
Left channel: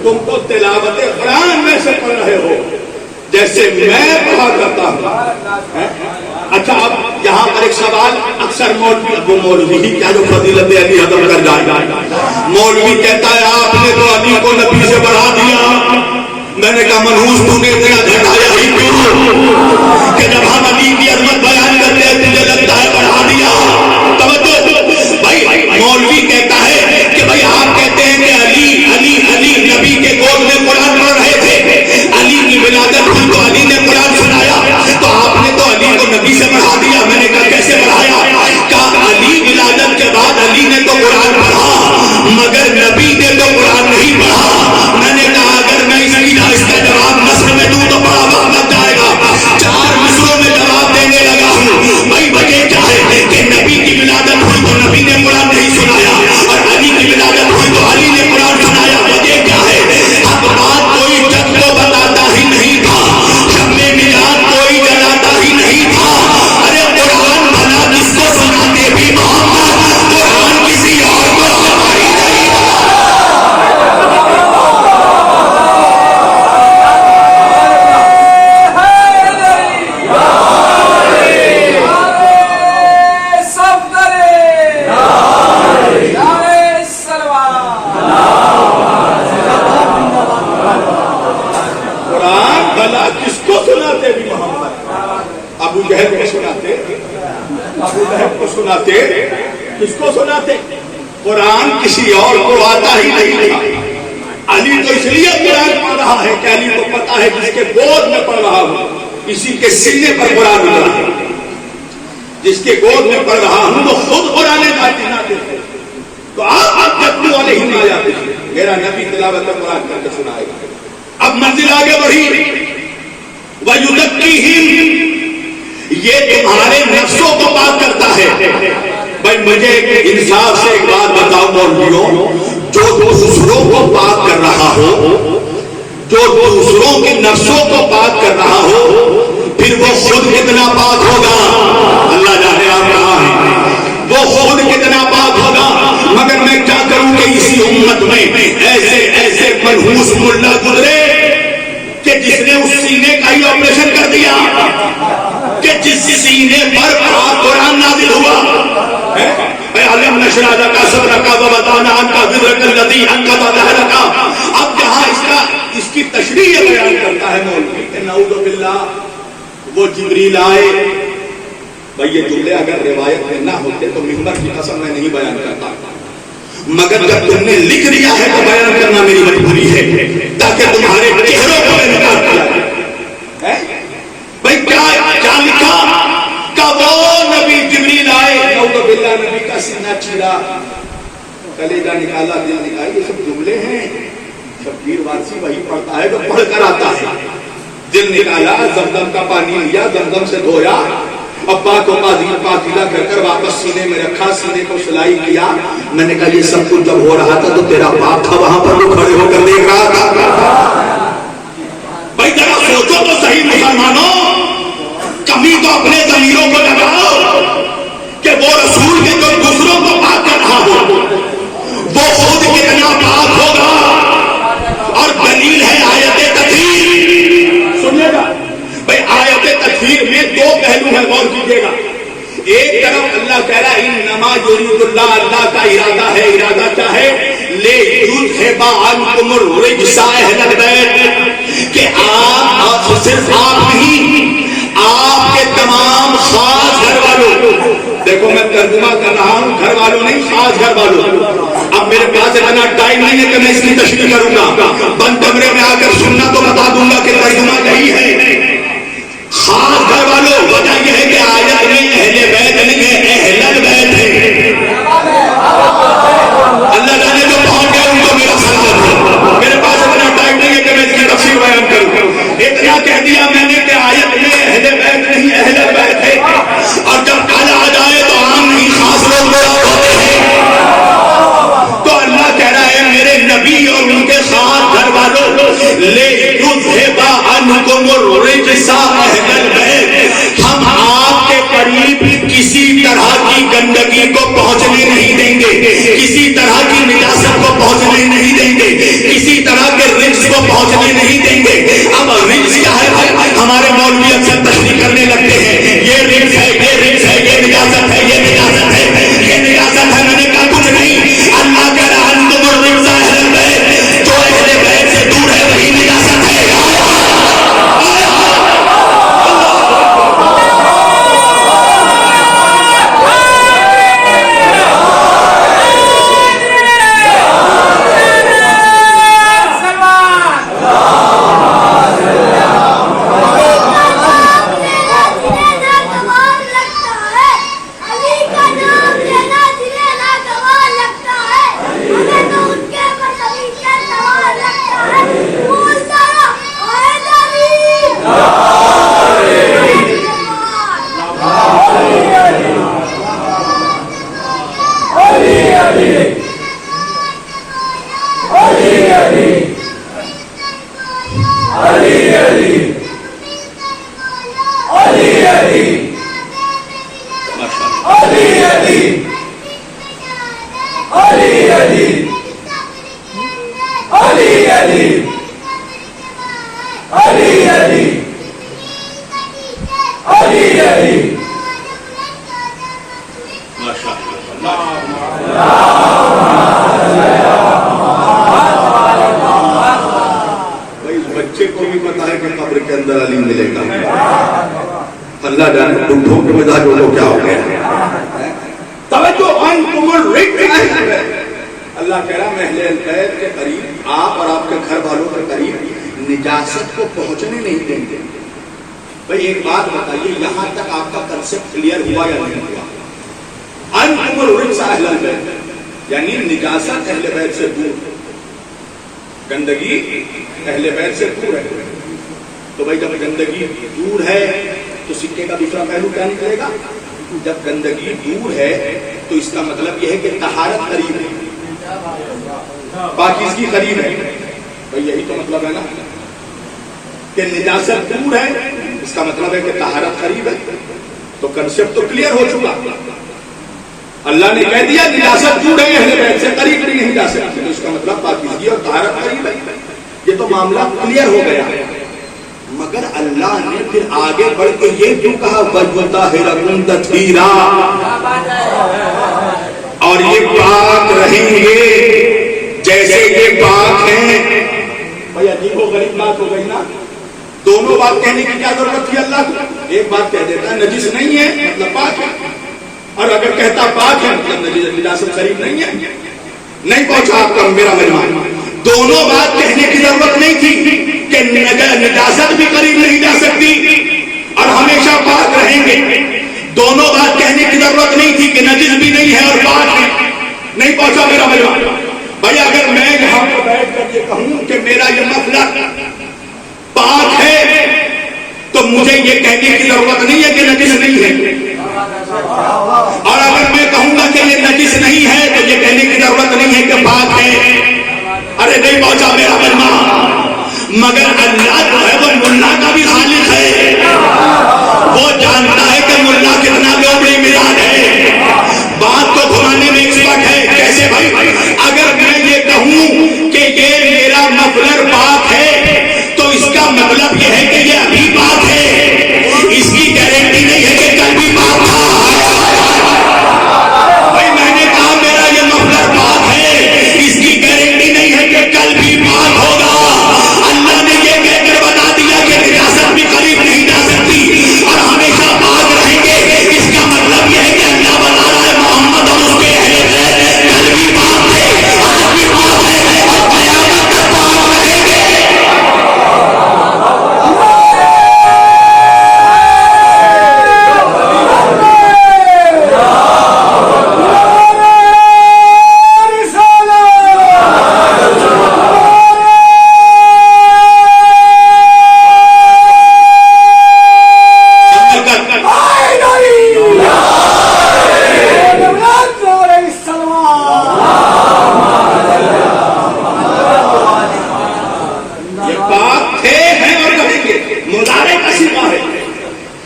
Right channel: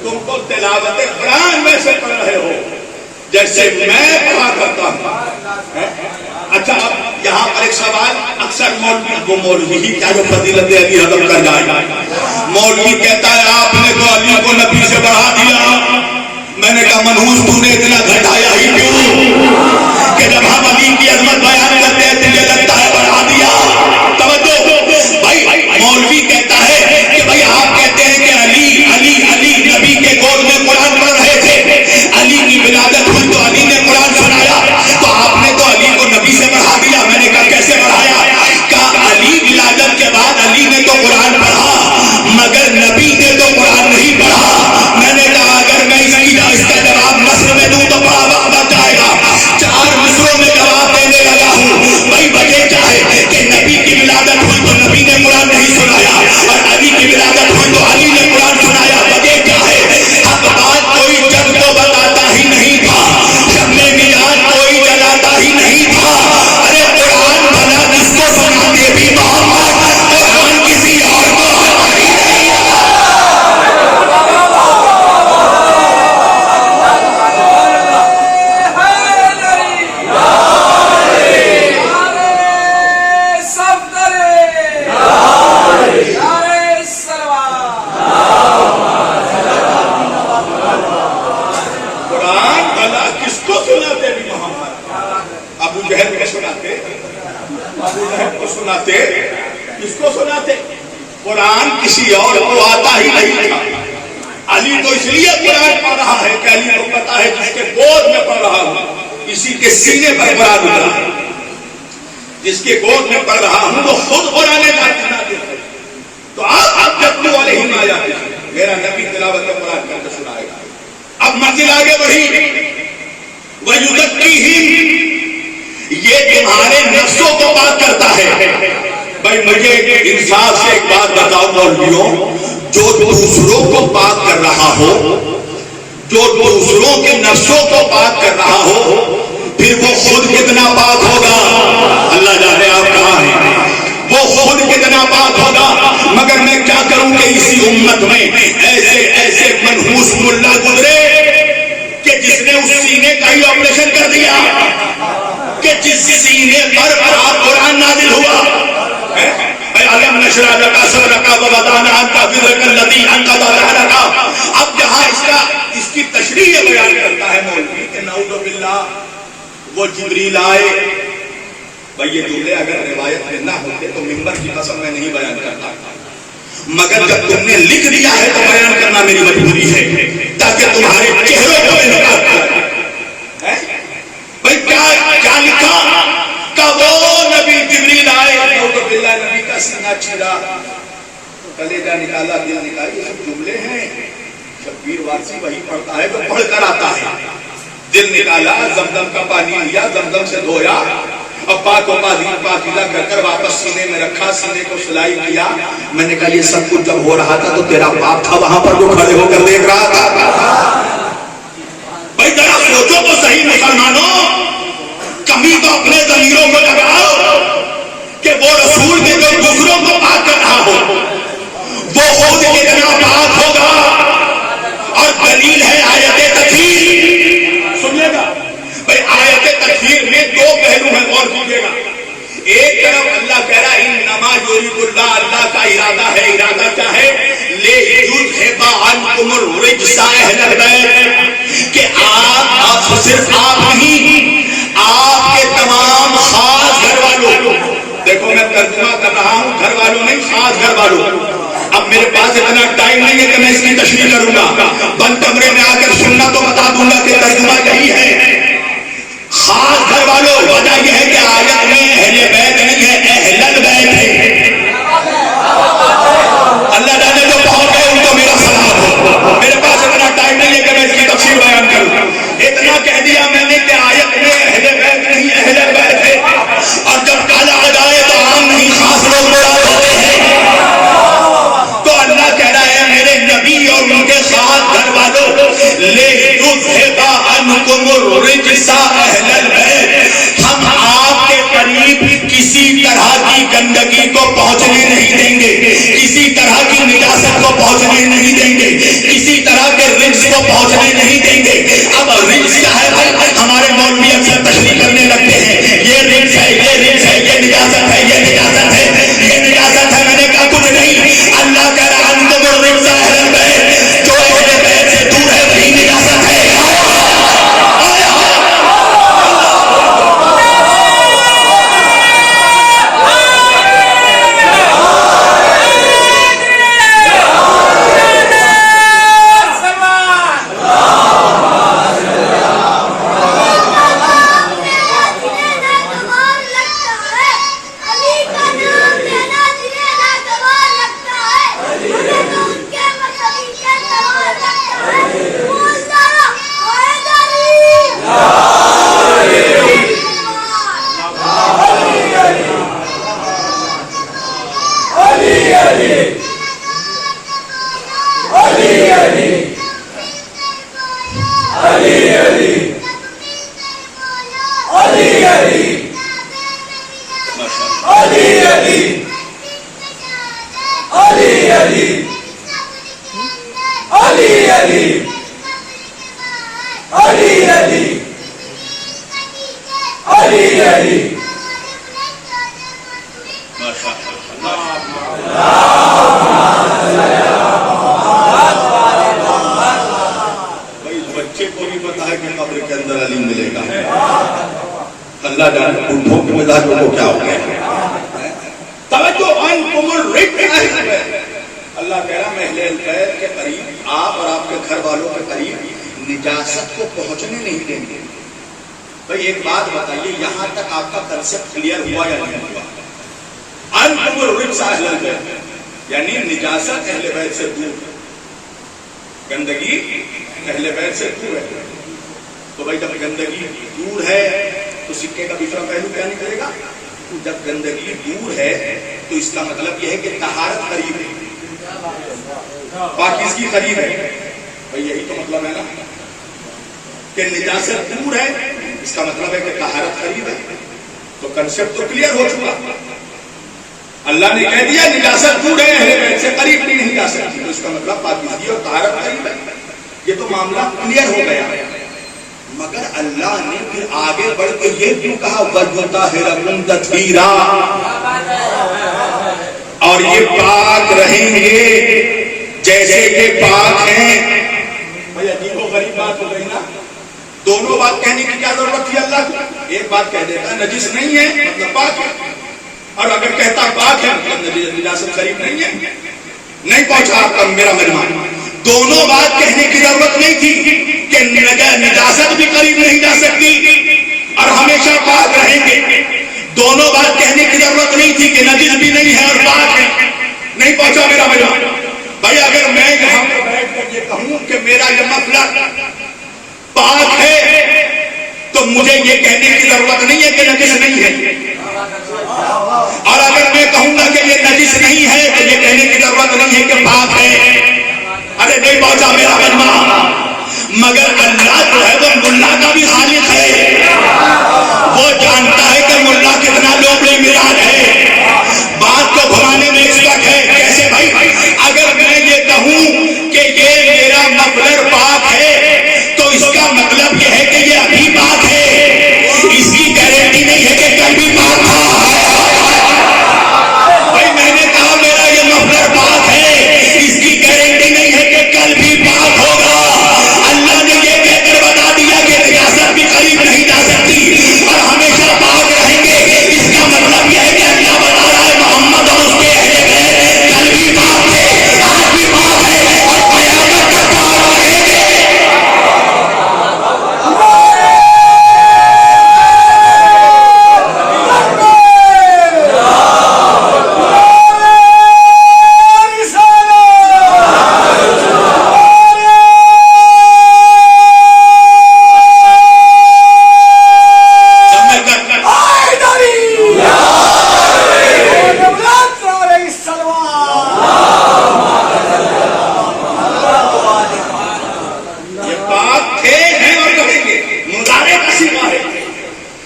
تم تو تلاوت قرآن ویسے پڑھ رہے ہو جیسے میں پڑھا کرتا ہوں. اچھا اب یہاں پر ایک سوال اکثر مولوی ہی کیا جو فضیلت علی ختم کر جائے. مولوی کہتا ہے آپ نے تو علی کو نبی سے بڑھا دیا. میں نے کہا منحوس تو نے اتنا گھٹایا ہی کیوں کہ جب ہم علی کی عظمت بیان کرتے ہیں تجھے لگتا ہے بڑھا دیا. توجہ بھائی، مولوی کہتا ہے کہ بھائی آپ کہتے ہیں کہ علی علی علی نبی کے گود میں قرآن پڑھ رہے تھے، علی کی ولادت ہوئی تو علی نے قرآن سنایا، تو آپ نے تو علی کو نبی سے بڑھا دیا. میں نے کہا کیسے بڑھایا؟ کہا علی ولادت کے بعد علی نے تو قرآن پڑھا مگر نبی نے تو قرآن نہیں پڑھا. میں نے کہا اگر میں اس کا جواب نثر میں دوں تو بڑا وقت لگ جائے کس کو سناتے؟ قرآن کسی اور کو آتا ہی نہیں تھا. علی تو اس لیے قرآن پڑھ رہا ہے کہ علی کو پتا ہے جس کے گود میں پڑھ رہا ہوں اسی کے سینے پر قرآن اترا ہے. جس کے گود میں پڑھ رہا ہوں وہ خود قرآن نازل ہے. تو آپ جب والے ہی نہ جاتے میرا نبی تلاوت قرآن کر کے سنائے گا. اب منزل آگے بڑھی. وَيُزَكِّيهِمْ یہ تمہارے نفسوں کو پاک کرتا ہے. بھائی مجھے انصاف سے ایک بات بتاؤ مولویوں, جو دوسروں کو پاک کر رہا ہو, جو دوسروں کے نفسوں کو پاک کر رہا ہو, پھر وہ خود کتنا پاک ہوگا؟ اللہ جانے آپ کہاں ہیں. وہ خود کتنا پاک ہوگا. مگر میں کیا کروں کہ اسی امت میں ایسے ایسے منحوس ملا گزرے کہ جس نے اس سینے کا ہی آپریشن کر دیا, کہ جس سینے پر آپ قرآن نازل ہوا. علم نشرح لک صدرک ووضعنا عنک وزرک الذی انقض ظہرک. اب جہاں اس کی تشریح بیان کرتا ہے مولوی کہ نعوذ باللہ وہ جبریل آئے. بھائی یہ جملے اگر روایت میں نہ ہوتے تو منبر کی قسم میں نہیں بیان کرتا, مگر جب تم نے لکھ لیا ہے تو بیان کرنا میری مجبوری ہے تاکہ تمہارے چہروں کو نکال دیا جائے. بھائی کیا لکھا کہ وہ نبی جبریل آئے, نعوذ باللہ نبی کا سینہ چیرا, کلیجہ نکالا, دل نکالا. یہ سب جملے ہیں. شبیر وارسی وہی پڑھتا ہے جو پڑھ کر آتا ہے. دل نکالا, زمزم کا پانی لیا, زمزم سے دھویا, ابا کو پاکیزہ کر کر واپس سینے میں رکھا, سینے کو سلائی کیا. میں نے کہا یہ سب کچھ جب ہو رہا تھا تو تیرا باپ تھا وہاں پر جو کھڑے ہو کر دیکھ رہا تھا. بھائی ذرا سوچو تو صحیح مسلمانوں, کمی تو اپنے ضمیروں کو لگاؤ کہ وہ رسول کے جو دوسروں کو پاک کر رہا ہو وہ خود کتنا پاک ہوگا. اور دلیل ہے آیت تطہیر. سنیے گا بھائی, آیت تطہیر میں دو پہلو ہیں, غور کیجیے گا. ایک طرف اللہ کہہ رہا ہے انما یرید اللہ, اللہ کا ارادہ ہے. ارادہ کیا ہے؟ لیذھب عنکم الرجس اہل البیت, کہ آپ صرف آپ نہیں, آپ کے تمام خاص گھر والوں. دیکھو میں ترجمہ کر رہا ہوں, گھر والوں نہیں, خاص گھر والوں. اب میرے پاس اتنا ٹائم نہیں ہے کہ میں اس کی تشریح کروں گا. بند کمرے میں آ کر سننا تو بتا دوں گا کہ ترجمہ یہی ہے. خاص گھر والوں, وجہ یہ ہے کہ آیت میں اہل بیت نہیں ہے, اہل البیت ہے. اللہ جانے جو پہنچ گئے ان کو میرا سلام ہو. میرے پاس اتنا ٹائم نہیں ہے کہ میں اس کی تفسیر بیان کروں. اتنا کہہ دیا میں نے کہ آیت میں اہل بیت نہیں, اہل البیت ہے. اور جب کالا آ جائے تو عام نہیں, خاص لوگ مراد ہوتے ہیں. تو اللہ کہہ رہا ہے میرے نبی اور ان کے خاص گھر والوں, لیذھب عنکم الرجس اہل البیت, ہم آپ کے قریب کسی طرح کی گندگی کو پہنچنے نہیں دیں گے, کسی طرح کی نجاست کو پہنچنے نہیں دیں گے, کسی طرح کے رجس کو پہنچنے نہیں دیں گے. اب رجس کیا ہے؟ ہمارے مولوی اکثر تشریح کرنے لگتے ہیں یہ رجس ہے, یہ رجس ہے, یہ نجاست ہے, یہ نجاست ہے, یہ نجاست ہے. میں نے کہا کچھ نہیں. اللہ کہہ رہا انتم الرجس اہل البیت, جو اہل بیت سے دور ہے وہی نجاست ہے. بچے کو بھی پتا ہے کہ قبر کے اندر علی ملے گا. اللہ جانے بڈھوں کے مزاجوں کو کیا ہو گیا. توجہ, اللہ کہہ رہا میں اہل بیت کے قریب آپ اور آپ کے گھر والوں کے قریب نجاست کو پہنچنے نہیں دیں گے. بھائی ایک بات بتائیے، یہاں تک آپ کا کنسپٹ کلیئر ہوا یا نہیں ہوا؟ انتم الرجس اہل البیت یعنی نجاست اہل بیت سے دور، گندگی اہل بیت سے دور ہے. تو بھائی جب گندگی دور ہے تو سکے کا دوسرا پہلو کیا نکلے گا؟ جب گندگی دور ہے تو اس کا مطلب یہ ہے کہ طہارت قریب ہے، پاکیزگی قریب ہے. بھائی یہی تو مطلب ہے نا کہ نجاست دور ہے، اس کا مطلب ہے کہ طہارت قریب ہے. تو کنسپٹ تو کلیئر ہو چکا. اللہ نے کہہ دیا نجاست دور ہے، اہل بیت سے قریب بھی نہیں جا سکتی، تو اس کا مطلب پاکیزگی اور طہارت قریب ہے. یہ تو معاملہ کلیئر ہو گیا. مگر اللہ نے پھر آگے بڑھ کے یہ کیوں کہا وَيُطَهِّرَكُمْ تَطْهِيرًا، اور یہ پاک رہیں گے جیسے کہ پاک ہیں. بھائی عجیب و غریب بات ہو گئی نا. دونوں بات کہنے کی کیا ضرورت تھی اللہ کو؟ ایک بات کہہ دیتا نجس نہیں ہے مطلب پاک ہے، اور اگر کہتا پاک ہے مطلب نجاست قریب نہیں ہے. نہیں پہنچا آپ کا میرا مہمان. دونوں بات کہنے کی ضرورت نہیں تھی کہ نجاست بھی قریب نہیں جا سکتی اور ہمیشہ پاک رہیں گے. دونوں بات کہنے کی ضرورت نہیں تھی کہ نجس بھی نہیں ہے اور پاک ہے. نہیں پہنچا میرا مہمان. بھائی اگر میں یہاں پہ بیٹھ کر یہ کہوں کہ میرا یہ مفلر پاک ہے تو مجھے یہ کہنے کی ضرورت نہیں ہے کہ نجس نہیں ہے. اور اگر میں کہوں گا کہ یہ نجس نہیں ہے تو یہ کہنے کی ضرورت نہیں ہے کہ پاک ہے. ارے نہیں پہنچا میرا مہمان. مگر اللہ جو ہے وہ ملا کا بھی خالق ہے، وہ جانتا ہے کہ ملا کتنا لوگ میراد ہے. بات کو گھمانے میں ایکسپرٹ ہے. کیسے بھائی؟ اگر میں یہ کہوں کہ یہ میرا مفلر پاک ہے تو اس کا مطلب یہ ہے کہ یہ ابھی پاک ہے، اس کی گارنٹی نہیں ہے کہ کل بھی پاک تھا. بھائی میں نے کہا میرا یہ مفلر پاک ہے، اس کی گارنٹی نہیں ہے کہ کل بھی پاک ہوگا. اللہ نے یہ کہہ کر بتا دیا کہ نجاست بھی قریب نہیں جا سکتی اور ہمیشہ پاک رہیں گے. اس کا مطلب یہ ہے کہ اللہ بتا رہا ہے محمد اور اس کے اہل بیت کل بھی پاک ہے، آج بھی پاک ہے اور قیامت تک پاک رہیں گے.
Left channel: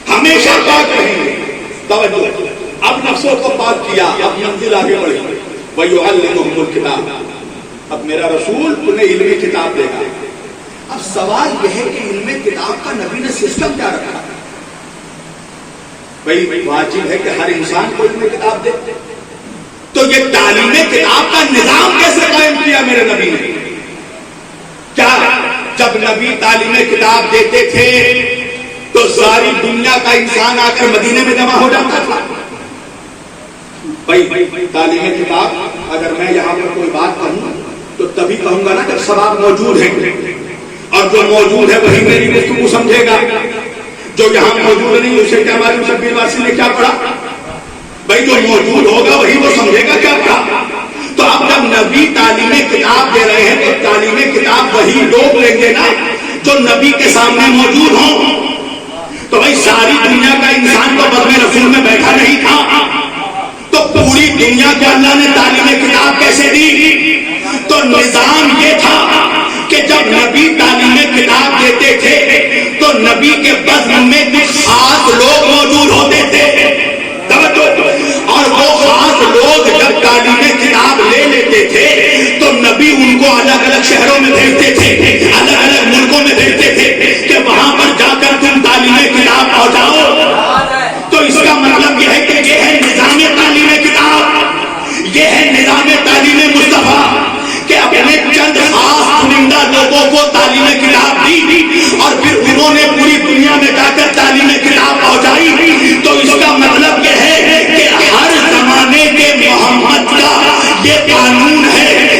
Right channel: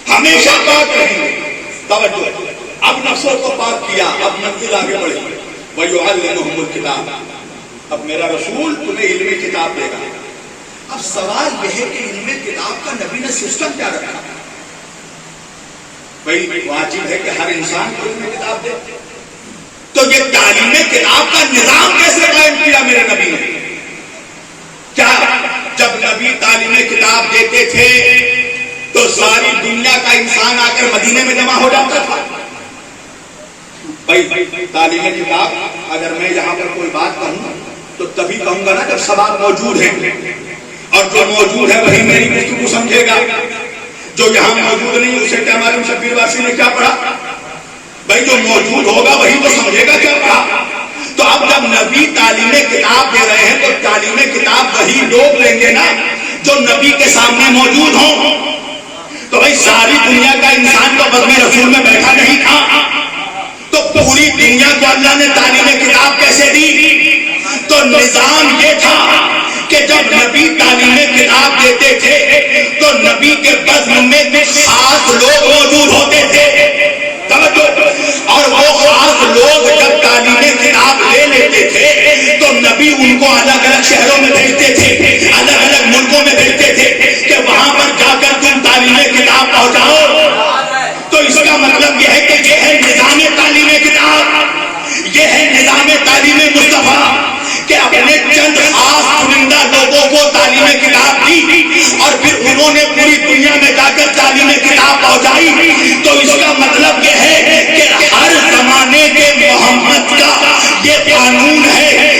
ہمیشہ پاک رہیں گے. توجہ، اب نفسوں کو پاک کیا، اب منزل آگے بڑھی. وَيُعَلِّمُهُمُ الْكِتَابَ، اب میرا رسول تمہیں علم کتاب دے گا. اب سوال یہ ہے کہ علم کتاب کا نبی نے سسٹم کیا رکھا؟ بھائی واجب ہے کہ ہر انسان کو علم کتاب دے، تو یہ تعلیم کتاب کا نظام کیسے قائم کیا میرے نبی نے؟ کیا جب نبی تعلیم کتاب دیتے تھے تو ساری دنیا کا انسان آ کر مدینے میں جمع ہو جاتا تھا؟ بھائی تعلیم کتاب اگر میں یہاں پر کوئی بات کہوں تو تبھی کہوں گا نا جب سباب موجود ہے، اور جو موجود ہے وہی میری گفتگو سمجھے گا. جو یہاں موجود نہیں اسے کیا معلوم شبیر واسی نے کیا پڑھا؟ بھائی جو موجود ہوگا وہی وہ سمجھے گا کیا پڑھا. تو اب جب نبی تعلیم کتاب دے رہے ہیں تو تعلیم کتاب وہی لوگ لیں گے نا جو نبی کے سامنے موجود ہوں. تو بھائی ساری دنیا کا انسان تو بزم رسول میں بیٹھا نہیں تھا، تو پوری دنیا کو اللہ نے تعلیم کتاب کیسے دی؟ تو نظام یہ تھا کہ جب نبی تعلیم کتاب دیتے تھے تو نبی کے بزم میں کچھ خاص لوگ موجود ہوتے تھے. اور وہ خاص لوگ جب تعلیم کتاب لے لیتے تھے تو نبی ان کو الگ الگ شہروں میں بھیجتے تھے، الگ الگ ملکوں میں بھیجتے تھے کہ وہاں پر جا کر تم تعلیم کتاب پہنچاؤ. تو اس کا مطلب یہ ہے کہ یہ ہے نظام تعلیم کتاب، یہ ہے نظام تعلیم مصطفیٰ کہ اپنے چند خاص چنندہ لوگوں کو تعلیم کتاب دی اور پھر انہوں نے پوری دنیا میں جا کر تعلیم کتاب پہنچائی. تو اس کا مطلب یہ ہے کہ ہر زمانے کے محمد کا یہ قانون ہے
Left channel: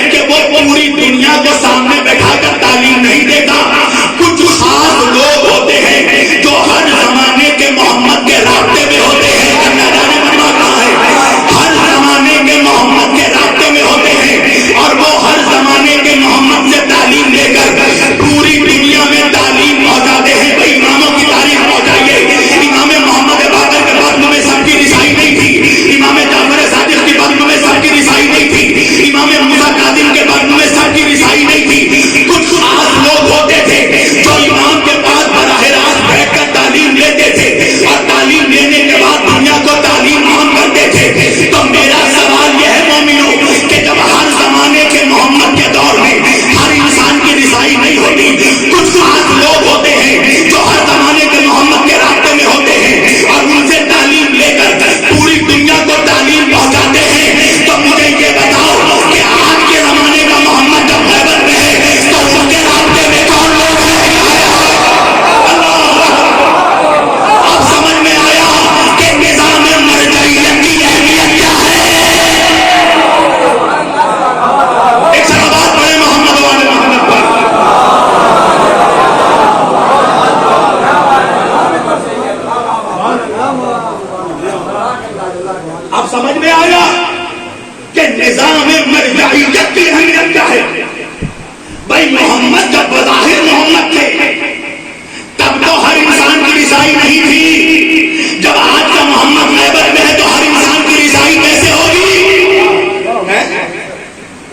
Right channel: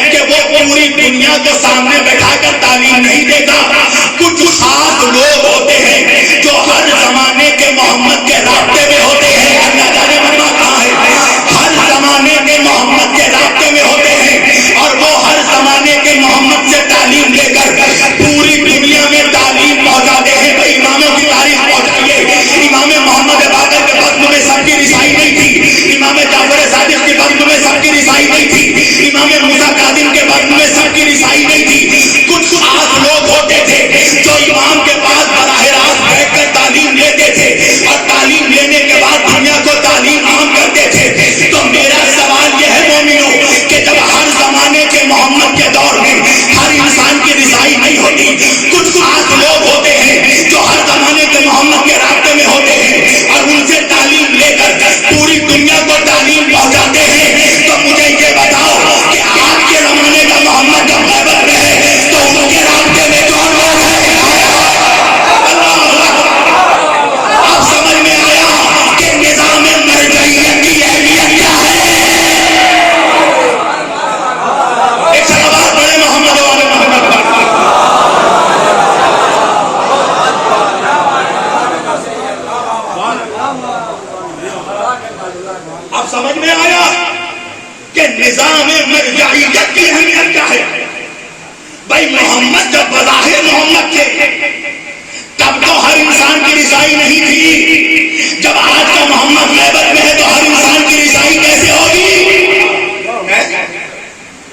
محمد جب بظاہر محمد تھے تب تو ہر انسان کی رسائی نہیں تھی. جب آج کا محمد غیبت میں ہے تو ہر انسان کی رسائی کیسے ہوگی؟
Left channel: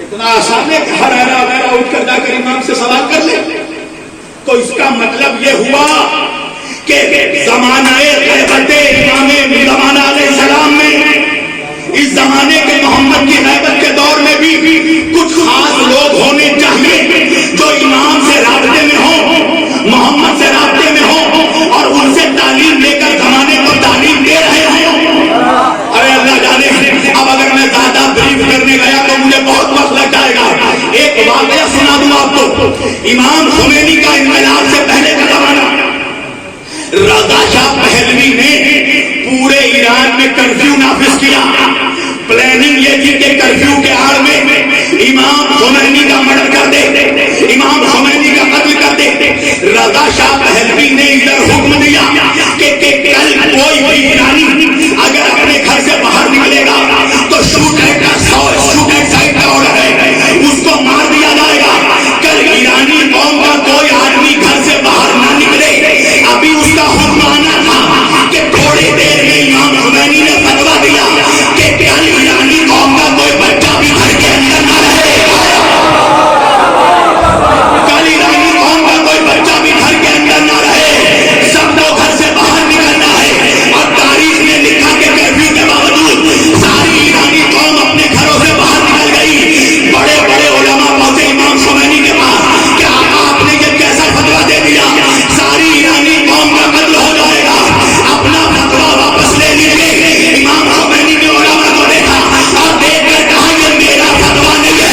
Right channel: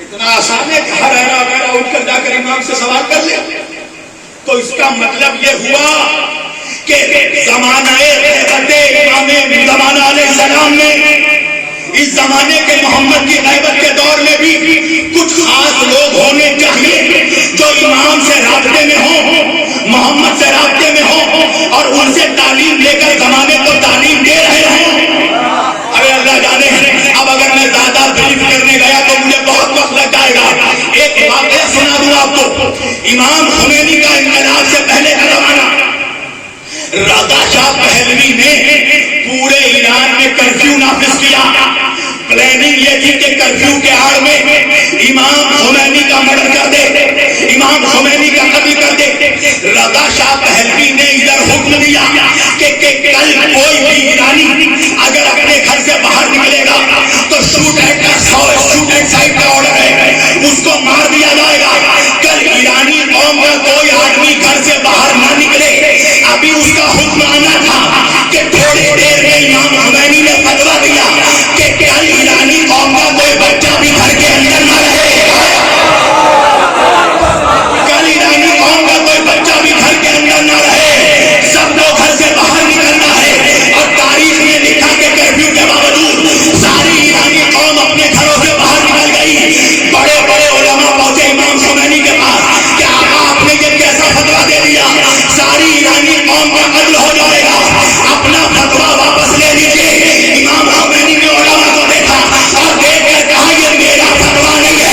اتنا آسان ہے کہ ہر ایرا وغیرہ اٹھ کر جا کر امام سے سوال کر لے. تو اس کا مطلب یہ ہوا کہ زمانہ غیبت امام زمانہ علیہ السلام میں اس زمانے کے محمد کی غیبت کے دور میں بھی کچھ خاص لوگ ہونے چاہیے جو امام سے رابطے میں ہوں، محمد سے رابطے میں ہوں اور ان سے تعلیم لے کر زمانے کو تعلیم دے رہے ہوں. ارے اللہ جانے اب اگر میں زیادہ بریف کرنے گیا تو مجھے بہت وقت لگ جائے گا. ایک واقعہ سنا دوں آپ کو. امام خمینی کا انقلاب سے پہلے کا زمانہ، رضا شاہ پہلوی نے پورے ایران میں کرفیو نافذ کیا. پلاننگ یہ تھی کہ کرفیو کے آڑ میں امام خمینی کا مرڈر کر دے، امام خمینی کا قتل کر دے. رضا شاہ پہلوی نے ادھر حکم دیا کہ کل کوئی بھی ایرانی اگر اپنے گھر سے باہر نکلے گا تو شوٹ اینڈ سائٹ کا آرڈر ہے، اس کو مار دیا جائے گا. کل ایرانی قوم کا کوئی آدمی گھر سے باہر نہ نکلے. ابھی اس کا حکم آنا تھا کہ تھوڑی دیر میں امام خمینی نے فتویٰ دیا کہ کل ایرانی قوم کا کوئی بچہ بھی گھر کے اندر نہ رہے. کل ایرانی قوم کا کوئی بچہ بھی گھر کے اندر نہ رہے، سب کو گھر سے باہر نکلنا ہے. اور تاریخ میں لکھا کہ کرفیو کے باوجود ساری ایرانی قوم اپنے گھروں سے باہر نکل گئی. بڑے بڑے علماء پہنچے امام خمینی کے پاس کہ آپ نے یہ کیسا فتویٰ دے دیا، ساری ایرانی قوم کا قتل ہو جائے گا، اپنا فتویٰ واپس لے لیجیے. امام خمینی نے علماء کو دیکھا اور دیکھ کر کہا یہ میرا فتویٰ نہیں ہے،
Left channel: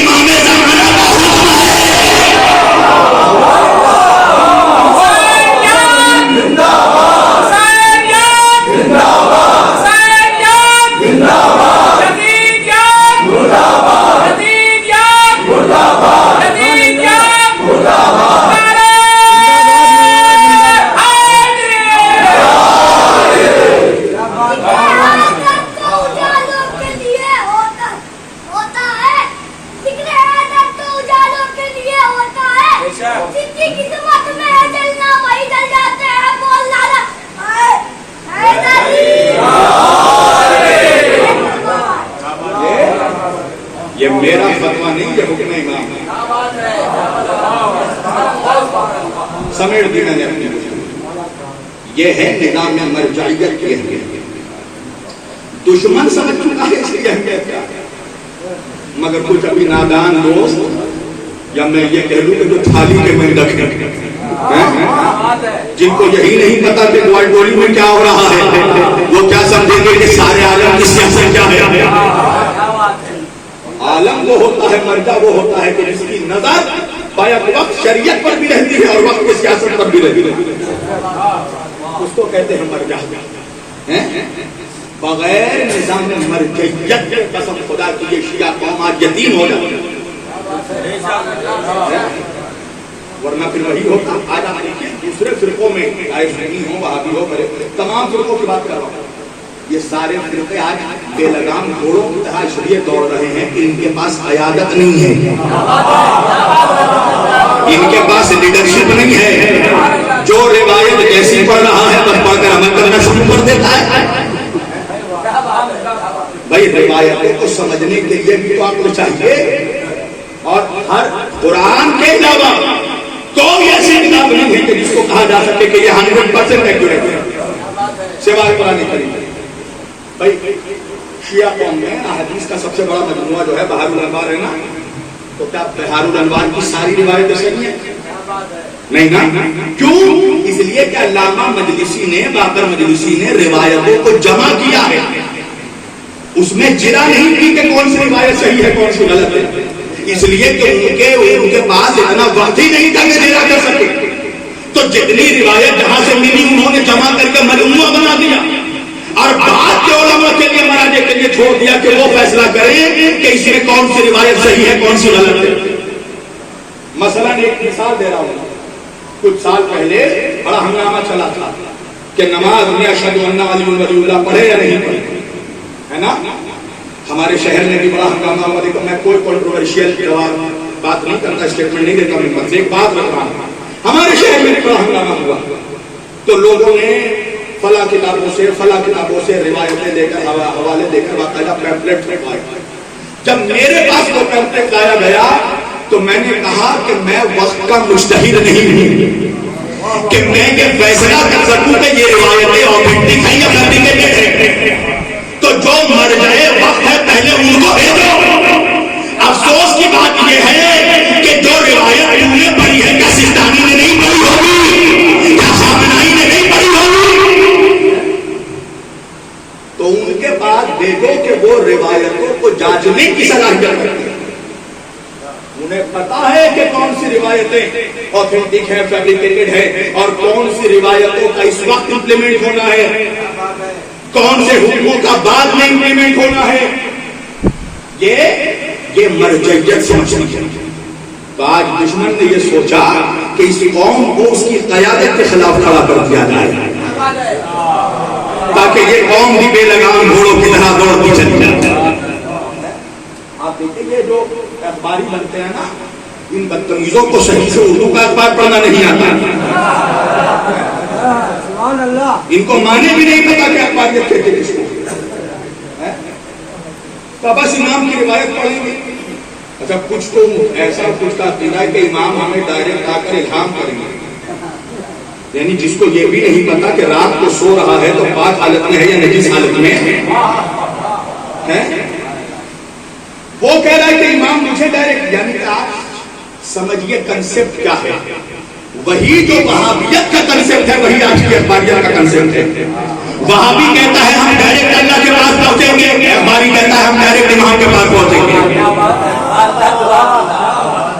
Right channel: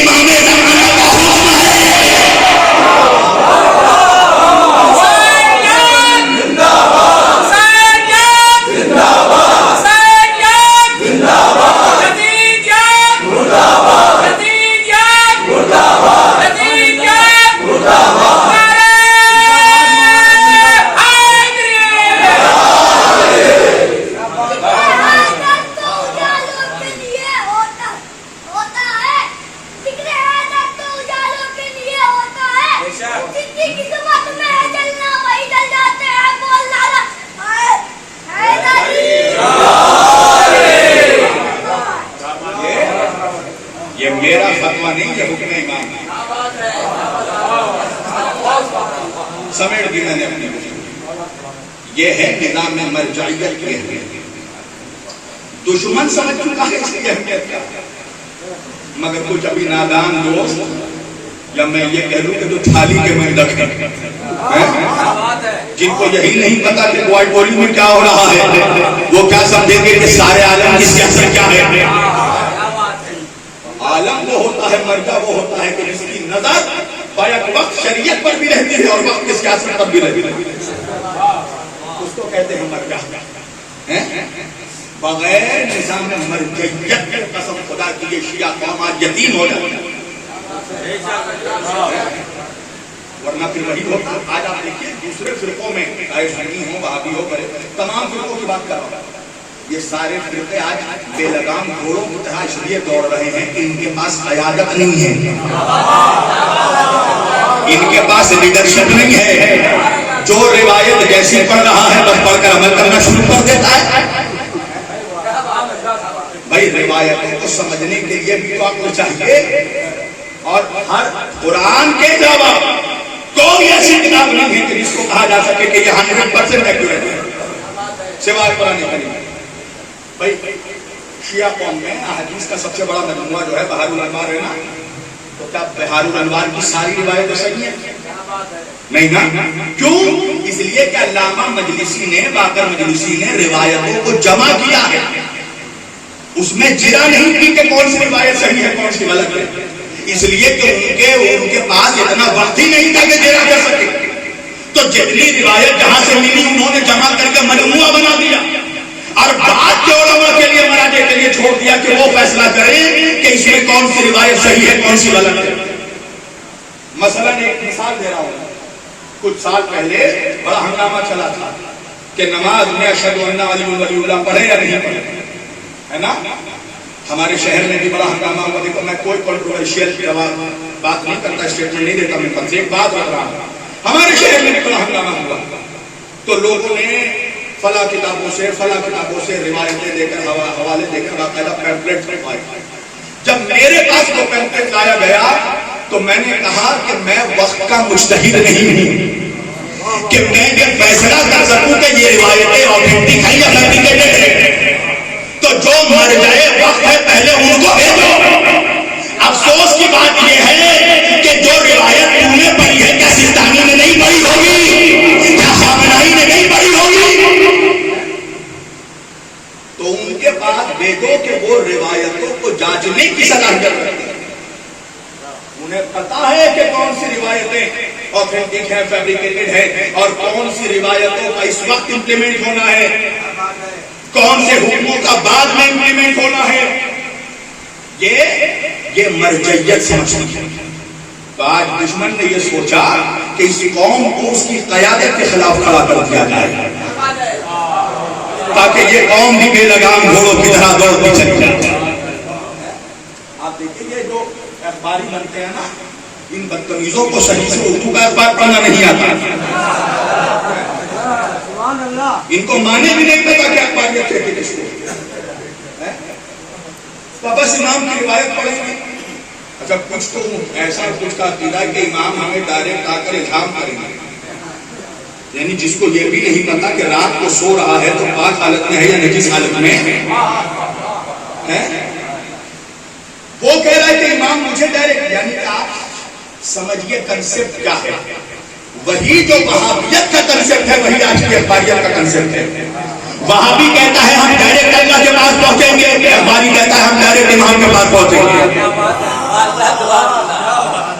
امام زمانہ کا حکم ہے. یہ میرا فتویٰ نہیں، یہ حکم امام ہے. سمیٹ دی میں نے اپنی کچھ. یہ ہے نظام میں مرجعیت کی اہمیت. دشمن سمجھ چکا ہے اس کی اہمیت کیا ہے، مگر کچھ ابھی نادان دوست یا میں یہ کہہ لوں کہ تو تھالی کے میں رکھنے جن کو یہی نہیں پتا کہ ورلڈ بولی میں کیا ہو رہا ہے، وہ کیا سمجھیں گے کہ سارے عالم کی سیاست کیا ہے. عالم وہ ہوتا ہے، مرجع وہ ہوتا ہے کہ جس کی نظر بیک وقت شریعت پر بھی رہتی ہے اور وقت کی سیاست پر بھی رہتی ہے. اس کو کہتے ہیں مرجع. بغیر نظام مرجعیت کے قسم خدا کی یہ شیعہ قوم آج یتیم ہو جاتی ہے. ورنہ پھر وہی ہوتا. آج آپ دیکھیے دوسرے فرقوں میں آئے سنی ہو، وہابی ہو، تمام فرقوں کی بات کر رہا ہوں. یہ سارے فرقے آج بے لگام گھوڑوں کی طرح اس لیے دوڑ رہے ہیں کہ ان کے پاس قیادت نہیں ہے، ان کے پاس لیڈرشپ نہیں ہے. جو روایت جیسی پڑھ رہا ہے بس پڑھ کر عمل کرنا شروع کر دیتا ہے. بھائی روایتوں کو سمجھنے کے لیے بھی تو آپ کو چاہیے. اور ہر قرآن کے علاوہ کوئی ایسی کتاب نہیں ہے کہ جس کو کہا جا سکے کہ یہ 100% ایکوریٹ ہے سوائے قرآن کریم. بھائی شیعہ قوم میں احادیث کا سب سے بڑا مجموعہ جو ہے بہار الانوار ہے نا، تو کیا بہار الانوار کی ساری روایتیں صحیح ہیں؟ نہیں نا. کیوں؟ اس لیے کہ علامہ مجلسی نے، باقر مجلسی نے روایتوں کو جمع کیا ہے، اس میں جرا نہیں کی کہ کون سی روایت صحیح ہے کون سی غلط ہے. اس لیے کہ ان کے پاس اتنا وقت ہی نہیں تھا کہ جرا کر سکے. تو جتنی روایت جہاں سے ملی انہوں نے جمع کر کے مجموعہ بنا دیا اور بعد کے علماء کے لیے مراجع کے لیے چھوڑ دیا کہ وہ فیصلہ کریں کہ اس میں کون سی روایت صحیح ہے کون سی غلط ہے. مثلا ایک مثال دے رہا ہوں. کچھ سال پہلے بڑا ہنگامہ چلا تھا کہ نماز میں اشہد ان علی ولی اللہ پڑھے یا نہیں پڑھے، ہے نا. ہمارے شہر میں بھی بڑا ہنگامہ ہوا. دیکھو میں کوئی کنٹروورشیل جواب بات نہیں کرتا، اسٹیٹمنٹ نہیں دیتا، میں سے ایک بات رکھ رہا ہوں. ہمارے شہر میں بڑا ہنگامہ ہوا تو لوگوں نے فلاں کتابوں سے روایتیں دے کر حوالے دے کر باقاعدہ پیمپلیٹ لگوائے. جب میرے پاس وہ پیمپلیٹ لایا گیا تو میں نے کہا کہ میں وقت کا مجتہد نہیں ہوں کہ میں یہ فیصلہ کر سکوں کہ یہ روایتیں آتھینٹک ہیں یا فیبریکیٹڈ ہیں. تو جو مر جائے وقت ہے پہلے ان کو دے دو. افسوس کی بات یہ ہے کہ جو روایت تم نے پڑھی ہے کیا سستانی نے نہیں پڑھی ہوگی، کیا خامنائی نے نہیں پڑھی ہوگی؟ تو ان کے پاس دیکھو کہ وہ روایتوں کو جانچنے کی صلاحیت رکھتے ہیں. انہیں پتا ہے کہ کون سی روایتیں آتھینٹک ہیں، فیبریکیٹڈ ہیں، اور کون سی روایتوں کا اس وقت امپلیمنٹ ہونا ہے، کون سے حکموں کا بعد میں امپلیمنٹ ہونا ہے. یہ مرجعیت سمجھنی ہے. تو آج دشمن نے یہ سوچا کہ اس قوم کو اس کی قیادت کے خلاف کھڑا کر دیا جائے تاکہ یہ قوم بھی بے لگام گھوڑوں کی طرح دوڑتی چلی جائے. آپ دیکھیں گے جو اخباری بنتے ہیں نا، ان بدتمیزوں کو صحیح سے اردو کا اخبار پڑھنا نہیں آتا. ان کو مانے بھی نہیں پتا کہ اخبار کہتے کس کو. بس امام کی روایت پڑھیں گے. اچھا کچھ تو ایسا کچھ کا عقیدہ ہے کہ امام ہمیں ڈائریکٹ آ کر الہام کریں گے. یعنی جس کو یہ بھی نہیں پتا کہ رات کو سو رہا ہے تو پاک حالت میں ہے یا نجس حالت میں ہے. وہ کہہ رہا ہے کہ امام مجھے ڈائریکٹ، یعنی کہ آپ سمجھیے کنسپٹ کیا ہے. وہی جو وہابیت کا کنسپٹ ہے وہی آج کی اخباریت کا کنسپٹ ہے. وہابی کہتا ہے ہم ڈائریکٹ اللہ کے پاس پہنچیں گے، اخباری کہتا ہے ہم ڈائریکٹ امام کے پاس پہنچیں گے.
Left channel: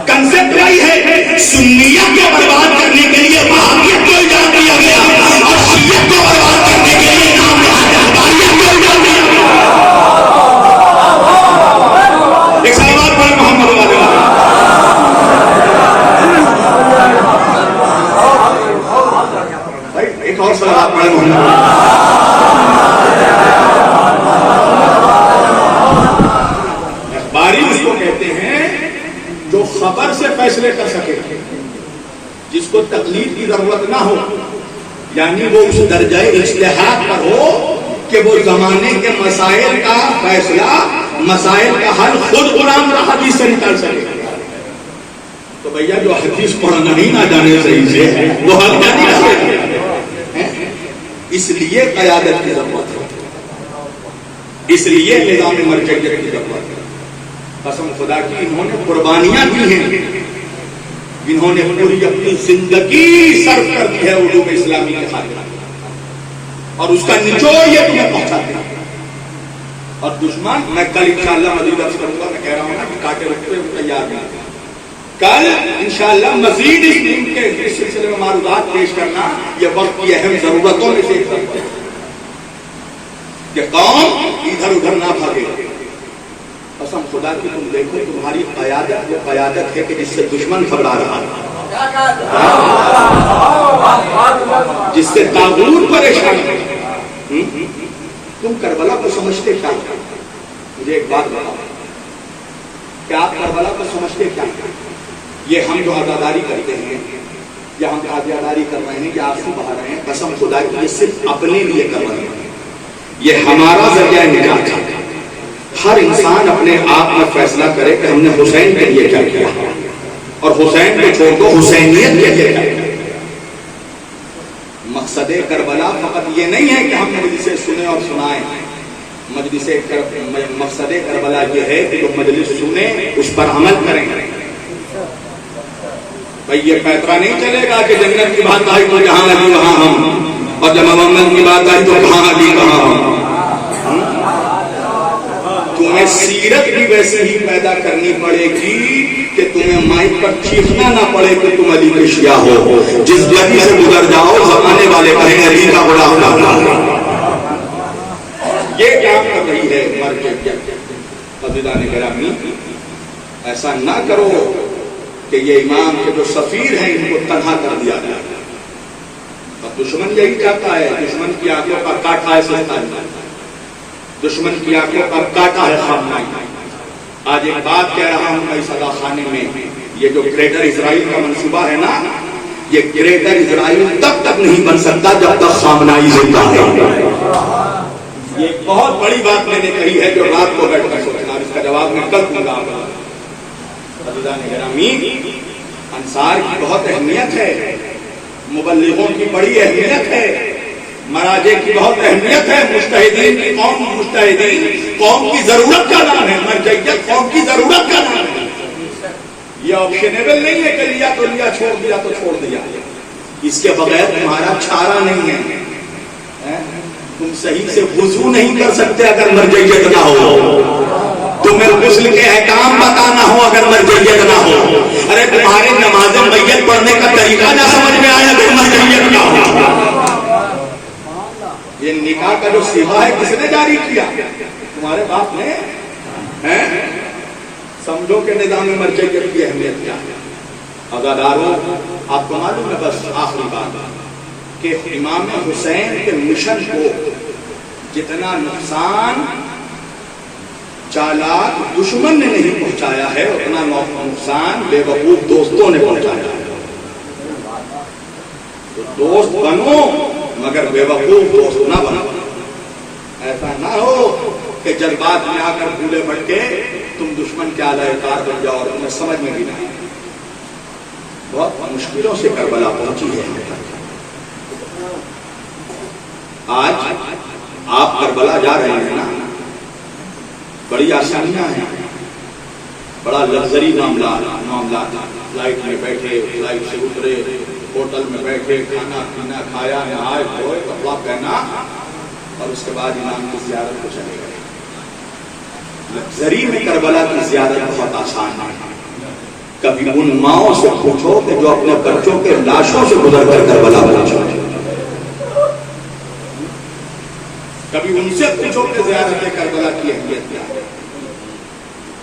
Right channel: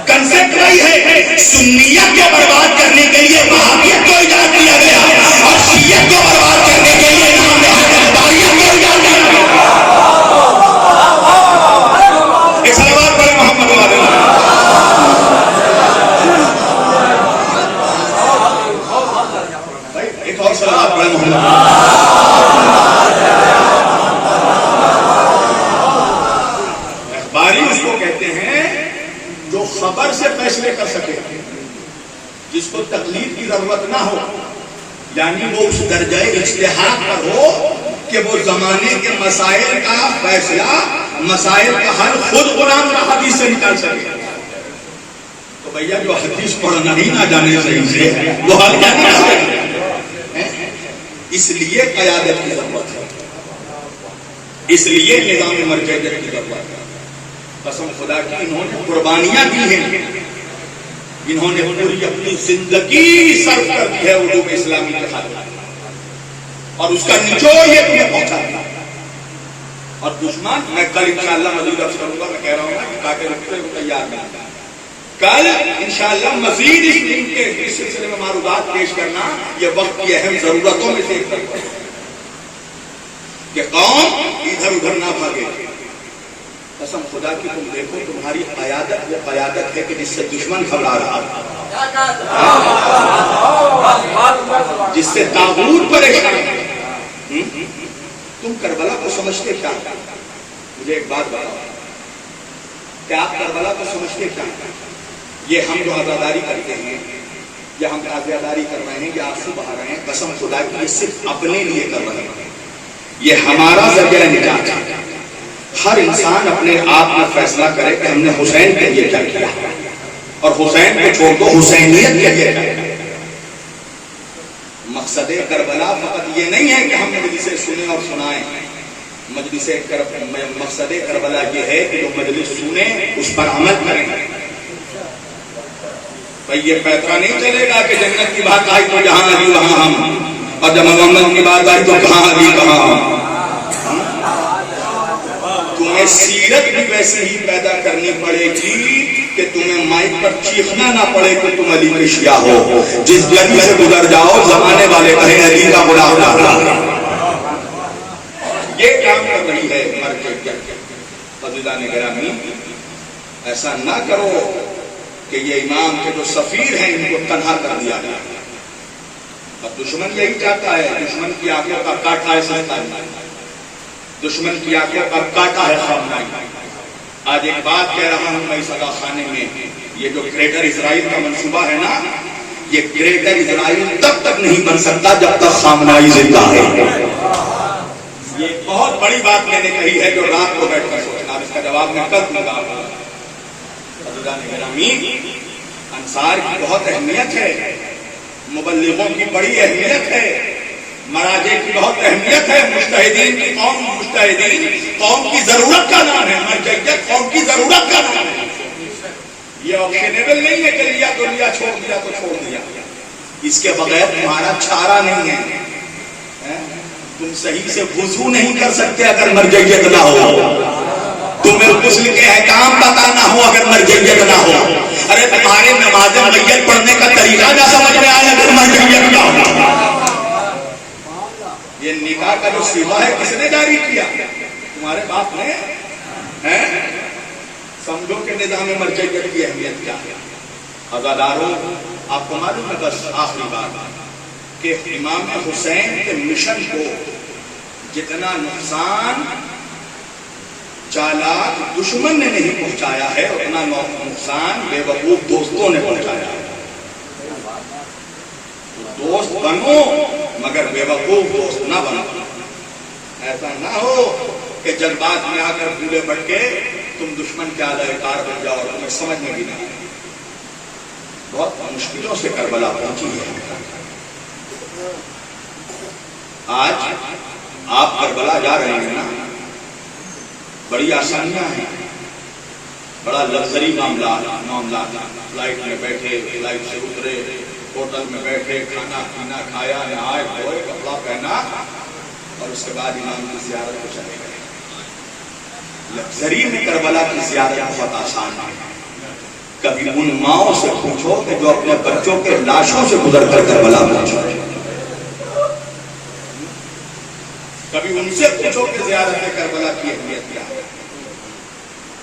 کنسپٹ وہی ہے. سنیت کو برباد کرنے کے لیے وہابیت کو ایجاد کیا گیا اور شیعت کو برباد کرنے کے لیے امام اخباریت کو ایجاد کیا گیا. ایک سلوات پڑھیں محمد والے. ایک اور سلوات پڑھیں محمد. اس کو کہتے ہیں جو خبر سے فیصلے کر سکے، جس کو تقلید کی ضرورت نہ ہو، یعنی وہ اس درجہ اجتہاد پر ہو کہ وہ زمانے کے مسائل کا فیصلہ، مسائل کا حل خود قرآن اور حدیث سے نکال سکے. تو بھیا جو حدیث پڑھنا ہی نہ جانے صحیح سے وہ حل کیا نہیں سکے. اس لیے قیادت کی ضرورت ہے، اس لیے نظام مرجعیت کی ضرورت ہے. قسم خدا کی انہوں نے قربانیاں دی ہیں، انہوں نے پوری اپنی زندگی صرف کر دی ہے اردو میں اسلامی کے خاطر، اور اس کا نچوڑ یہ تمہیں پہنچا دیا. اور دشمن، میں کل انشاءاللہ مزید عرض کروں گا، میں کہہ رہا ہوں نا کہ کاٹے رکھتے ہوئے تیار نہیں. کل انشاءاللہ مزید اس دن کے اس سلسلے میں معروضات پیش کرنا یہ وقت کی اہم ضرورتوں میں سے ایک ہے کہ قوم ادھر ادھر نہ بھاگے. قسم خدا کی تم دیکھو تمہاری قیادت وہ قیادت ہے کہ جس سے دشمن گھبرا رہا ہے، جس سے طاغوت پریشان ہے. تم کربلا کو سمجھتے کیا؟ مجھے ایک بات بتاؤ کہ آپ کربلا کو سمجھتے کیا؟ یہ ہم جو عزاداری کرتے ہیں یا ہم عزاداری کر رہے ہیں یا آنسو بہا رہے ہیں، قسم خدا کی یہ صرف اپنے لیے کر رہے ہیں. یہ ہمارا ذریعہ نجات ہے. ہر انسان اپنے آپ میں فیصلہ کرے کہ ہم نے حسین کے لیے کیا کیا، اور حسین کو چھوڑ دو حسینیت کے لیے کیا کیا. مقصد کربلا فقط یہ نہیں ہے کہ ہم مجلسیں سنیں اور سنائیں. مقصد کربلا یہ ہے کہ جو مجلس سنیں اس پر عمل کریں. بھائی یہ پیترا نہیں چلے گا کہ جنت کی بات آئی تو جہاں علی وہاں ہم، اور جب محمد کی بات آئی تو کہاں علی کہاں ہم. تمہیں سیرت بھی ویسے ہی پیدا کرنی پڑے گی کہ تمہیں مائک پر چیخنا نہ پڑے کہ تم علی کے شیعہ ہو. جس گلی سے گزر جاؤ زمانے والے کہیں علی کا غلام ہونا. یہ کام کر رہی ہے مرجعیت. عزیزان گرامی، ایسا نہ کرو کہ یہ امام کے جو سفیر ہیں ان کو تنہا کر دیا جائے. اور دشمن یہی چاہتا ہے. دشمن کی آنکھوں کا کاٹا ہے سلطان، دشمن کی آنکھوں کا کاٹا ہے خامنائی. آج ایک بات کہہ رہا ہوں میں صدا خانے میں، یہ جو گریٹر اسرائیل کا منصوبہ ہے نا، یہ گریٹر اسرائیل تب تک نہیں بن سکتا جب تک خامنائی زندہ ہے۔ یہ بہت بڑی بات میں نے کہی ہے جو رات کو بیٹھ کر سوچنا، اس کا جواب میں کل دوں گا۔ حضرات گرامی، انصار کی بہت اہمیت ہے، مبلغوں کی بڑی اہمیت ہے، مراجع کی بہت اہمیت ہے، مجتہدین کی قوم، مجتہدین قوم کی ضرورت کا نام ہے، مرجعیت قوم کی ضرورت کا نام ہے۔ یہ آپشنیبل نہیں ہے کہ لیا تو لیا، چھوڑ دیا تو چھوڑ دیا، اس کے بغیر تمہارا چارہ نہیں ہے۔ تم صحیح سے وضو نہیں کر سکتے اگر مرجعیت نہ ہو، تمہیں غسل کے احکام بتانا ہو اگر مرجعیت نہ ہو، ارے تمہارے نماز میت پڑھنے کا طریقہ نہ سمجھ میں آیا اگر مرجعیت نہ ہو۔ یہ نکاح کا جو سیما ہے کس نے جاری کیا؟ تمہارے باپ نے۔ سمجھو کہ نظام مرجعیت کی اہمیت کیا ہے۔ عزاداروں، آپ کو معلوم ہے، بس آخری بات کہ امام حسین کے مشن کو جتنا نقصان چالاک دشمن نے نہیں پہنچایا ہے، اتنا نقصان بے وقوف دوستوں نے پہنچایا ہے۔ دوست بنو مگر بے وقوف دوست نہ بنو۔ ایسا نہ ہو کہ جذبات میں آ کر بھولے بھٹکے تم دشمن کے اعلی کار بن جاؤ اور تمہیں سمجھ میں بھی نہ آئے۔ بہت مشکلوں سے کربلا پہنچی ہے۔ آج آپ کربلا جا رہے ہیں نا، بڑی آسانیاں ہیں، بڑا لگژری معاملات، فلائٹ میں بیٹھے، فلائٹ سے اترے، ہوٹل میں بیٹھے، کھانا پینا کھایا، نہائے دھوئے، کپڑا پہنا اور اس کے بعد امام کی زیارت کو چلے گئے۔ لگژری میں کربلا کی زیارت بہت آسان ہے۔ کبھی ان ماؤں سے پوچھو کہ جو اپنے بچوں کے لاشوں سے گزر کر کربلا پہنچے، کبھی ان سے پوچھو کہ زیارت کربلا کی اہمیت کیا ہے۔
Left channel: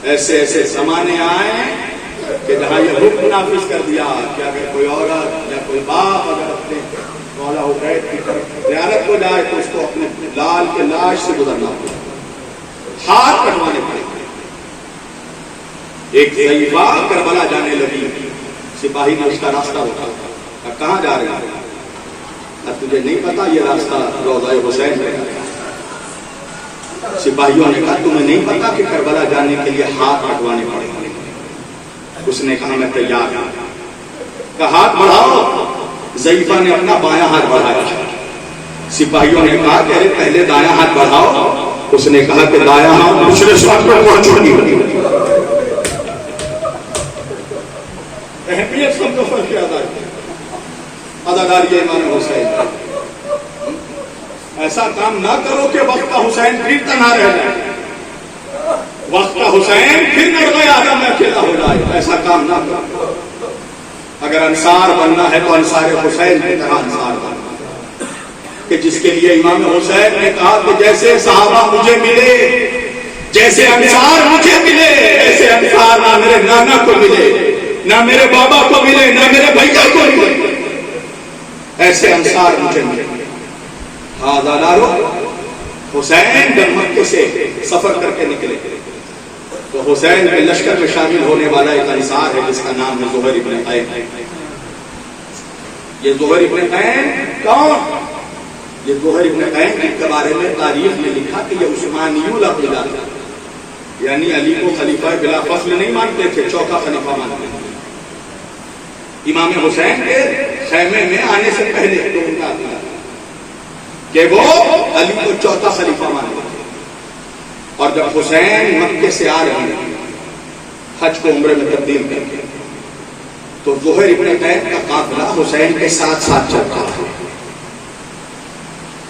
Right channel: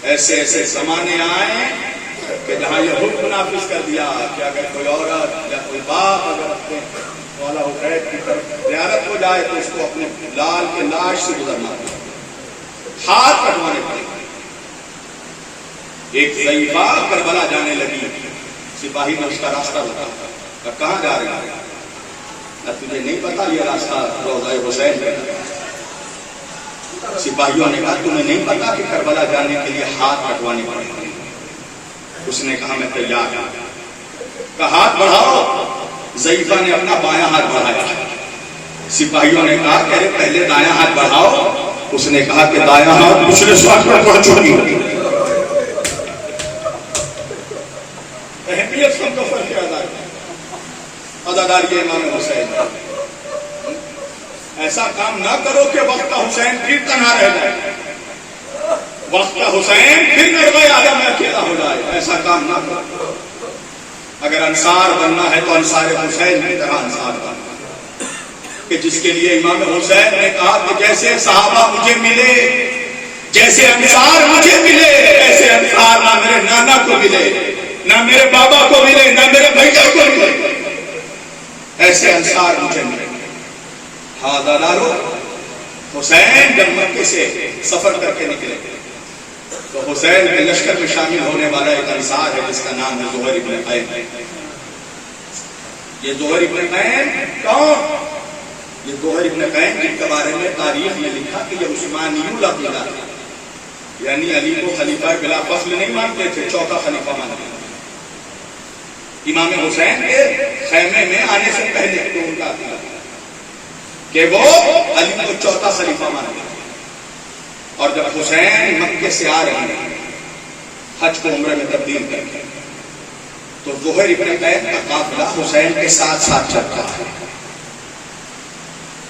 ایسے ایسے زمانے آئے کہ جہاں یہ حکم نافذ کر دیا کہ اگر کوئی عورت یا کوئی باپ اگر اپنے مولا حسین کی طرف زیارت کو جائے تو اس کو اپنے لال کے لاش سے گزرنا پڑے، ہاتھ کٹوانے پڑے۔ ایک ضعیفہ کربلا جانے لگی، سپاہی نے اس کا راستہ بتایا، کہاں جا رہے ہیں؟ تجھے نہیں پتا یہ راستہ روضہ حسین ہے؟ سپاہیوں نے کہا تمہیں نہیں پتا کہ کربلا جانے کے لیے ہاتھ کٹوانے پڑے؟ اس نے کہا میں تیار ہوں۔ کہا ہاتھ بڑھاؤ۔ ضعیفہ نے اپنا بایاں ہاتھ بڑھایا۔ سپاہیوں نے کہا کہ ارے پہلے دایاں ہاتھ بڑھاؤ۔ اس نے کہا کہ دایاں ہاتھ دوسرے ساتھ پر پہنچو گی۔ اہمیت سب کو فرق اداکار یہ امام حسین، ایسا کام نہ کرو کہ وقت کا حسین پھر تنہا رہ جائے، وقت کا حسین پھر نرمۂ آدم میں اکیلا ہو جائے، ایسا کام نہ کرو۔ اگر انصار بننا ہے تو انصار حسین کی طرح انصار بننا، کہ جس کے لیے امام حسین نے کہا کہ جیسے صحابہ مجھے ملے، جیسے انصار مجھے ملے، ایسے انصار نہ میرے نانا کو ملے، نہ میرے بابا کو ملے، نہ میرے بھیا کو ملے، ایسے انصار مجھے ملے۔ حاضرارو، حسین جب مکے سے سفر کر کے نکلے تو حسین کے لشکر میں شامل ہونے والا ایک انصار ہے جس کا نام ہے زہیر ابن قیم۔ یہ زہیر ابن قیم کون؟ یہ زہیر ابن قیم جن کے بارے میں تاریخ میں لکھا کہ یہ عثمانی العقیدہ تھا، یعنی علی کو خلیفہ بلا فصل نہیں مانتے تھے، چوتھا خلیفہ مانتے تھے۔ امام حسین کے خیمے میں آنے سے پہلے تو ان کا عقیدہ تھا کہ وہ علی کو چوتھا خلیفہ مانتے تھے۔ اور جب حسین مکے سے آ رہے ہیں حج کو عمرے میں تبدیل کر کے، تو زہیر ابن قیم کا قافلہ حسین کے ساتھ ساتھ چلتا ہے۔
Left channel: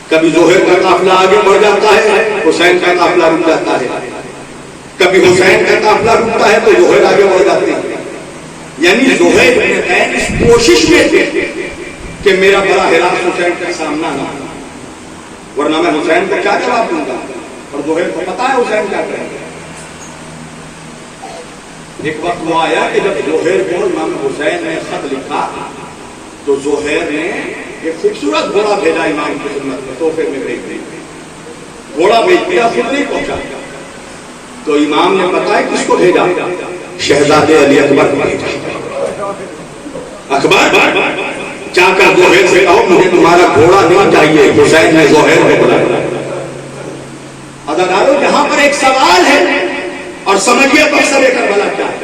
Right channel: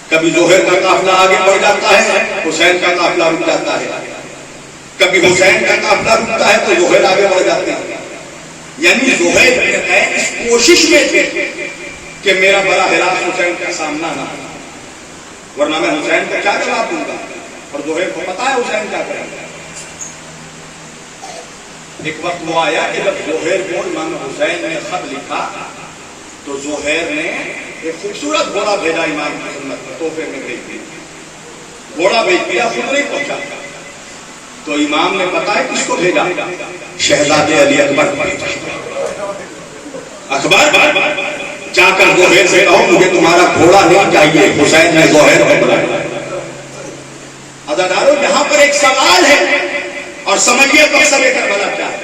کبھی زہیر کا قافلہ آگے بڑھ جاتا ہے، حسین کا قافلہ رک جاتا ہے، کبھی حسین کا قافلہ رکتا ہے تو زہیر آگے بڑھ جاتے ہیں۔ یعنی زہیر ابن قیم اس کوشش میں تھے کہ میرا براہ راست حسین کا سامنا نہ ہو، ورنہ میں حسین کو کیا جواب دوں گا، اور زہیر کو پتا ہے حسین کیا کرے گا۔ ایک وقت وہ آیا کہ جب زہیر کو امام حسین نے خط لکھا تو زہیر نے ایک خوبصورت گھوڑا بھیجا امام کی خدمت میں، تحفے میں بھیج دیا، گھوڑا بھیج دیا، خود نہیں پہنچا۔ تو امام نے پتا ہے کس کو بھیجا؟ شہزادے علی اکبر کو بھیجا. اکبر جا کر زہیر سے کہو مجھے تمہارا گھوڑا نہیں چاہیے. حسین نے زہیر کو بلایا. عزیزانو یہاں پر ایک سوال ہے اور سمجھیے مقصد کربلا کیا ہے.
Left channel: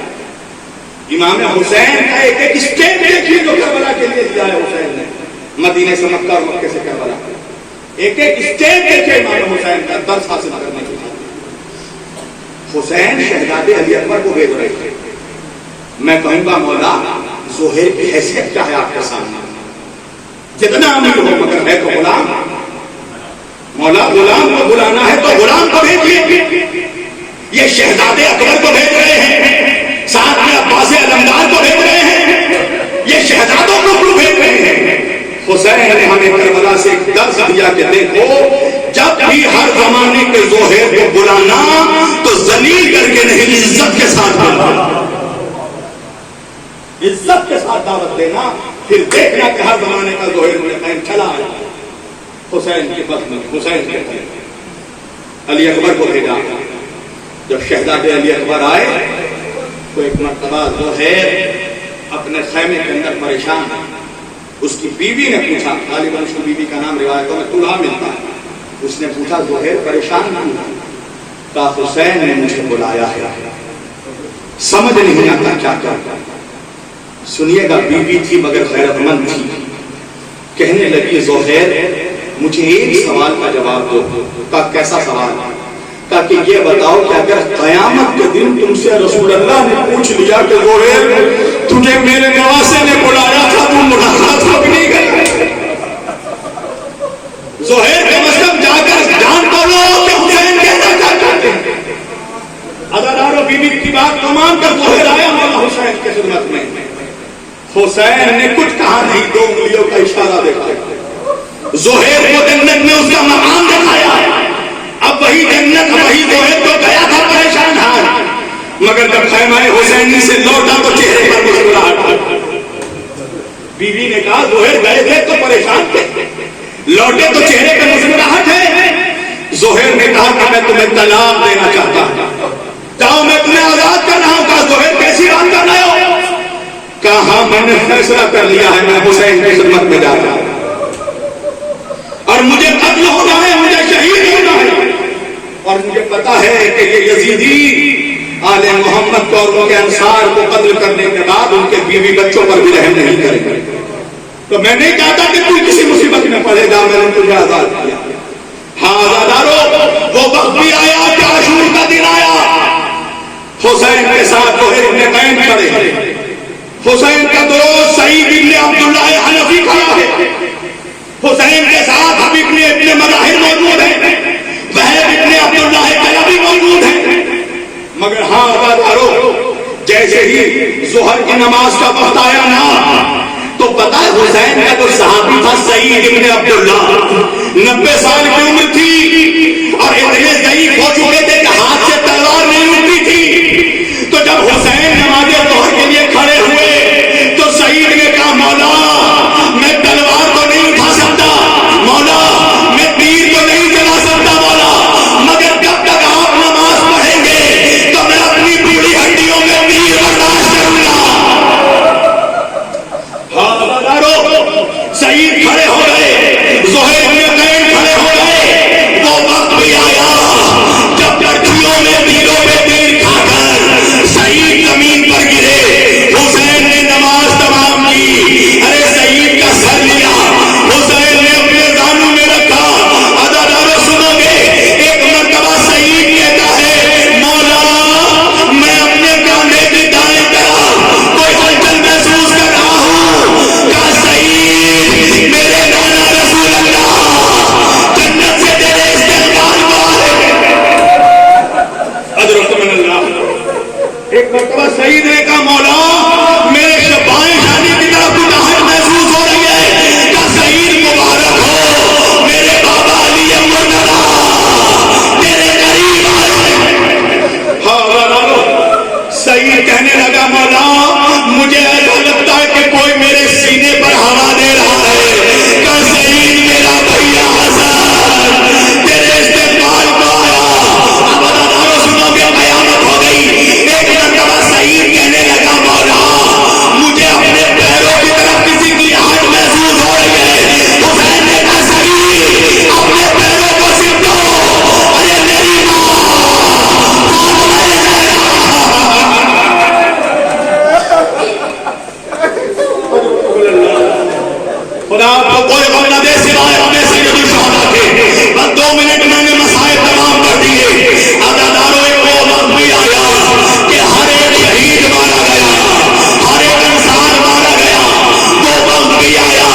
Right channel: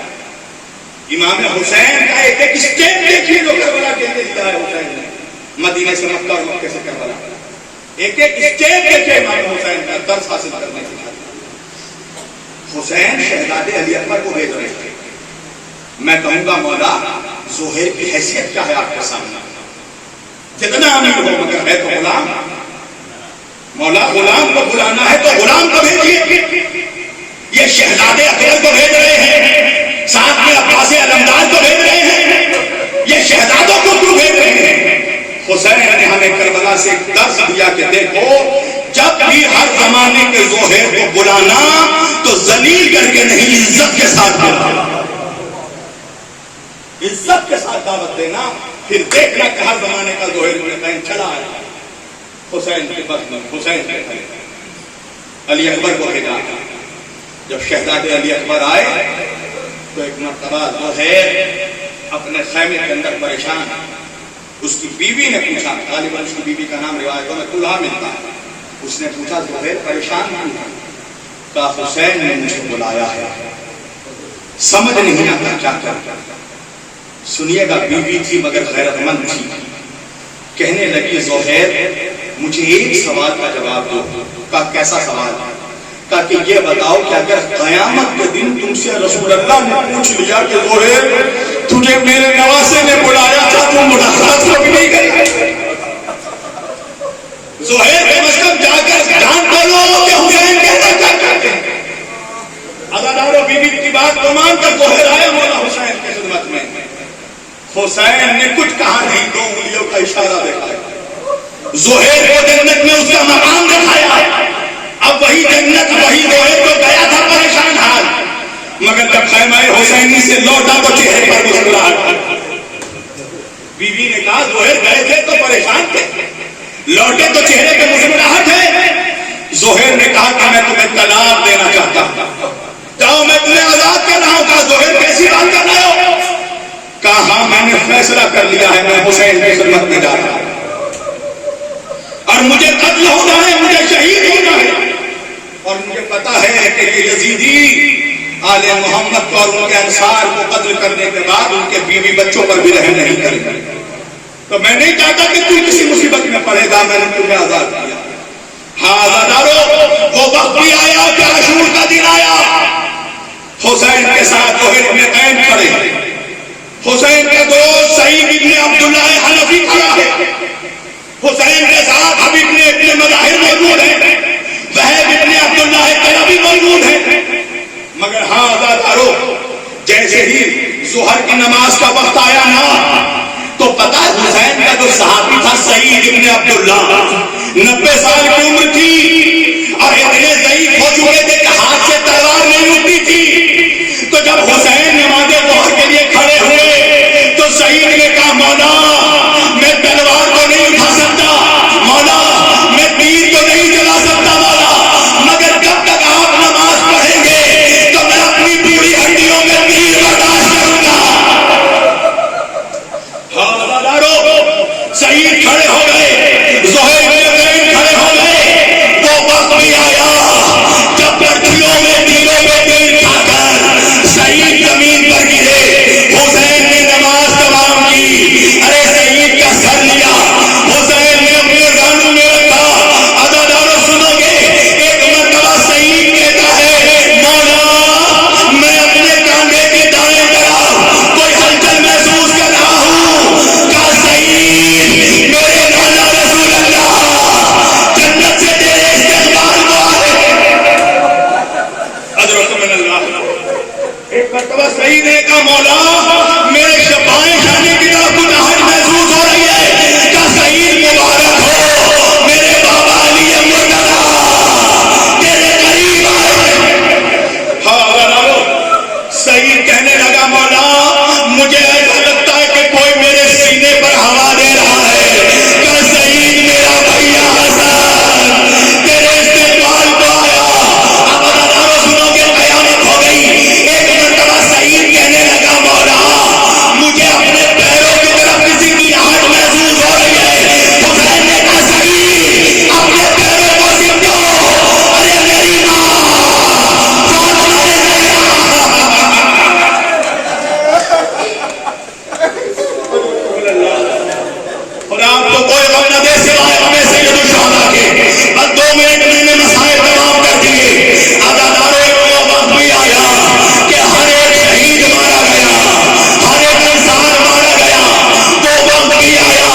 امام حسین کا ایک ایک اسٹیپ دیکھیے جو کربلا کے لیے دیا ہے حسین نے. مدینے سے مکہ اور مکے سے کربلا ایک ایک اسٹیپ دیکھیے امام حسین کا درس حاصل کرنے کے لیے. حسین شہزادے علی اکبر کو بھیج رہے تھے. میں کہوں گا مولا زہیر کی حیثیت کیا ہے آپ کے سامنے؟ جتنا امیر ہو مگر ہے تو غلام. مولا غلام کو بلانا ہے تو غلام کو بھیجیے. یہ شہزادے اکبر کو بھیج رہے ہیں, ساتھ میں عباس علمدار کو بھیج رہے ہیں, یہ شہزادوں کو کیوں بھیج رہے ہیں؟ حسین نے ہمیں کربلا سے ایک درس دیا کہ دیکھو جب بھی ہر زمانے کے زہیر کو بلانا تو ذلیل کر کے نہیں, عزت کے ساتھ بلانا, عزت کے ساتھ دعوت دینا. پھر دیکھنا کہ ہر زمانے کا زہیر قائم چلا آیا. حسین کے بس میں حسین کے علی اکبر کو بھیجا. جب شہزادے علی اکبر آئے تو ایک مرتبہ زہیر اپنے خیمے کے اندر پریشان. اس کی بیوی نے پوچھا, غالباً اس کی بیوی کا نام روایتوں میں طلحہ ملتا ہے. اس نے پوچھا زہیر پریشان نہیں ہے؟ کہا حسین نے مجھے بلایا ہے, سمجھ نہیں آتا کیا کیا. سنیے گا بیوی تھی مگر غیرت مند تھی. کہنے لگی زہیر مجھے ایک سوال کا جواب دو. کہا کیسا سوال؟ کہا کہ یہ بتاؤ کہ اگر قیامت کے دن تم سے رسول اللہ نے پوچھ لیا کہ زہیر تجھے میرے نواسے نے بلایا تھا تم ملاقات کب نہیں گیا؟ زہیر کم از کم جا کر جان تو لو کہ حسین کہنا کیا چاہتے ہیں. عزادارو بیوی کی بات کو مان کر زہیر آیا مولا حسین کی خدمت میں. حسین نے کچھ کہا نہیں, 2 انگلیوں کا اشارہ دکھایا. زہیر کو جنت میں اس کا مقام دکھایا. اب وہی جنت وہی زہیر تو گیا تھا پریشان حال, مگر جب خیمہ حسینی سے لوٹا تو چہرے پر مسکراہٹ. بیوی نے کہا زہیر گئے تھے تو پریشان تھے, لوٹے تو چہرے پہ مسکراہٹ ہے. زہیر نے کہا کہ میں تمہیں طلاق دینا چاہتا ہوں, جاؤ میں تمہیں آزاد کر رہا ہوں. کہا زہیر کیسی بات کر رہے ہو؟ کہا ہاں میں نے فیصلہ کر لیا ہے, میں حسین کی خدمت میں جا رہا ہوں اور مجھے قتل ہونا ہے, مجھے شہید ہونا ہے. اور مجھے پتا ہے کہ یہ یزیدی آل محمد کو اور ان کے انصار کو قتل کرنے کے بعد ان کے بیوی بچوں پر بھی رحم نہیں کریں گے. تو میں نہیں چاہتا کہ کوئی کسی مصیبت میں پڑے گا. میں نے تمہیں آزاد کیا. ہاں آزادارو وہ وقت بھی آیا کہ عاشور کا دن آیا. حسین کے ساتھ زہیر ابن قیم کھڑے. حسین کا دوست سعید ابن عبداللہ حنفی کھڑا ہے. حسین کے ساتھ حبیب ابن مظاہر موجود ہے, وہب ابن عبداللہ طلبی موجود ہے. مگر ہاں آزادارو جیسے ہی ظہر کی نماز کا وقت آیا نا تو پتا حسین کا جو صحابی تھا سعید ابن عبداللہ 90 سال کی عمر تھی اور اتنے ضعیف ہو چکے تھے کہ ہاتھ سے تلوار نہیں اٹھتی تھی. تو جب حسین نماز ظہر کے لیے کھڑے ہوئے تو سعید نے کہا مولا میں تلوار کو نہیں اٹھا سکتا, مولا میں تیر کو نہیں چلا سکتا, مولا مگر جب تک آپ نماز پڑھیں گے تو میں اپنی پوری ہڈیوں میں تیر برداشت کروں گا. سعید کھڑے ہو گئے, زہیر ابن قیم کھڑے ہو گئے. وہ وقت بھی آیا مسائب میں سید الشہداء کے بس 2 منٹ میں نے مسائب تمام کر دیے. عزادارے کو وقت بھی آیا کہ ہر ایک شہید مارا گیا, ہر ایک انسان مارا گیا. وہ وقت بھی آیا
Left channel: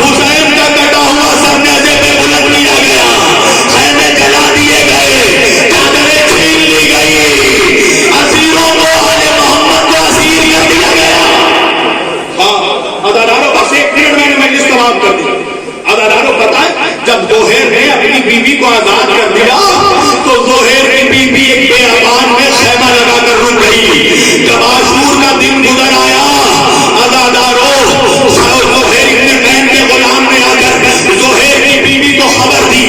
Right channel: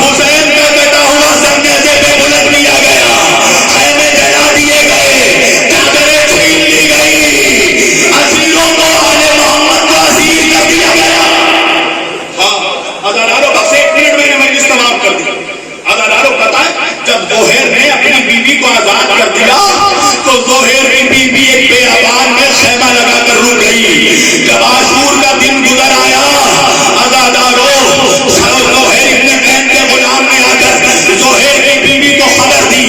حسین کا کٹا ہوا سر نیزے پہ بلند لیا گیا, خیمے جلا دیے گئے, چادریں چھین لی گئی, اسیروں کو آل محمد کو اسیر کر دیا گیا. ہاں عزاداروں بس 1 منٹ میں نے مجلس تمام کر دی. عزاداروں پتہ ہے جب زہیر نے اپنی بیوی کو آزاد کر دیا تو زہیر کی بیوی ایک بیابان میں خیمہ لگا کر رک گئی. جب عاشور کا دن گزر آیا عزاداروں زہیر ابن قین کے غلام نے آ کر زہیر کی بیوی کو خبر دی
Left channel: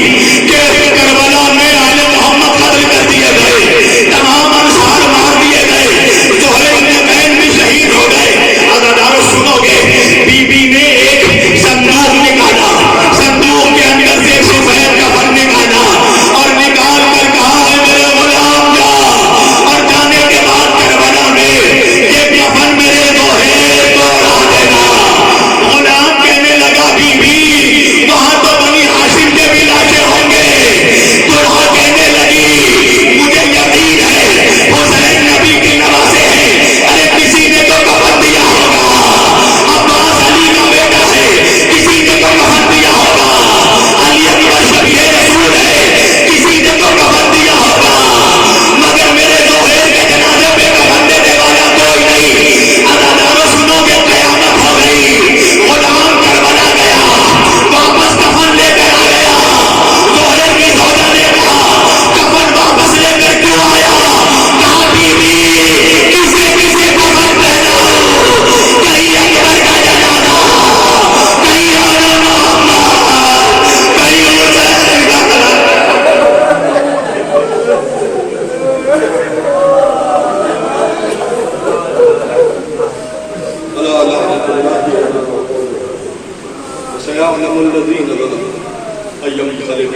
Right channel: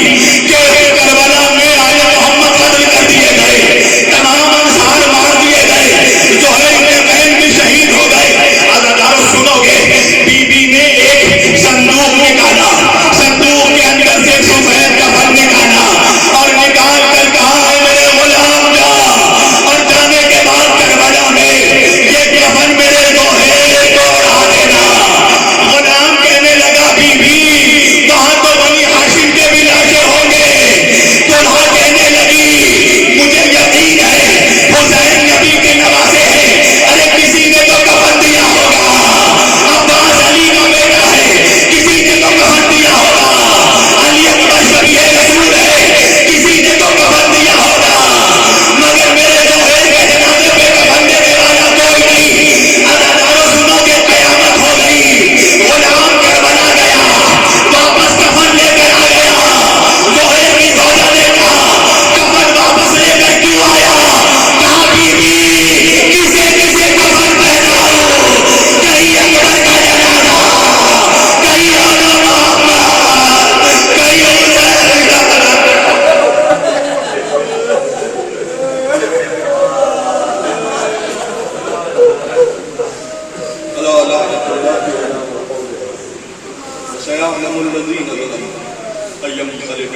کہ کربلا میں آل محمد قتل کر دیے گئے, تمام انصار مار دیے گئے, زہیر ابن قین بھی شہید ہو گئے. عزاداروں سنو گے, بیوی نے ایک صندوق نکالا, صندوق کے اندر سے سفید کفن نکالا اور نکال کر کہا ہے میرے غلام جا, اور جانے کے بعد کربلا میں یہ کفن میرے زہیر کو اڑا دینا. غلام کہنے لگا بیوی وہاں تو بنی ہاشم کے بھی لاشیں ہوں گے. طلحہ کہنے لگی مجھے یقین ہے حسین نبی کی نوازے ہیں, ارے کسی نے تو کفن دیا ہوگا, عباس علی کا بیٹا ہے, کسی نے تو کفن دیا ہوگا, علی اکبر شبیہ رسول ہے, کسی نے تو کفن دیا ہوگا, مگر میرے زہیر کے جنازے پہ کفن دینے والا کوئی نہیں. عزاداروں سنو گے قیامت ہو گئی. غلام کربلا گیا, واپس کفن لے کر آ گیا. زہیر کی زوجہ نے کہا کفن واپس لے کر کیوں آیا؟ کہا بیوی کسے کسے کفن پہناؤ, کہیں اکبر کا جنازہ, کہیں آل محمد, کہیں حسین کا سيعلم الذين ظلموا أي منقلب.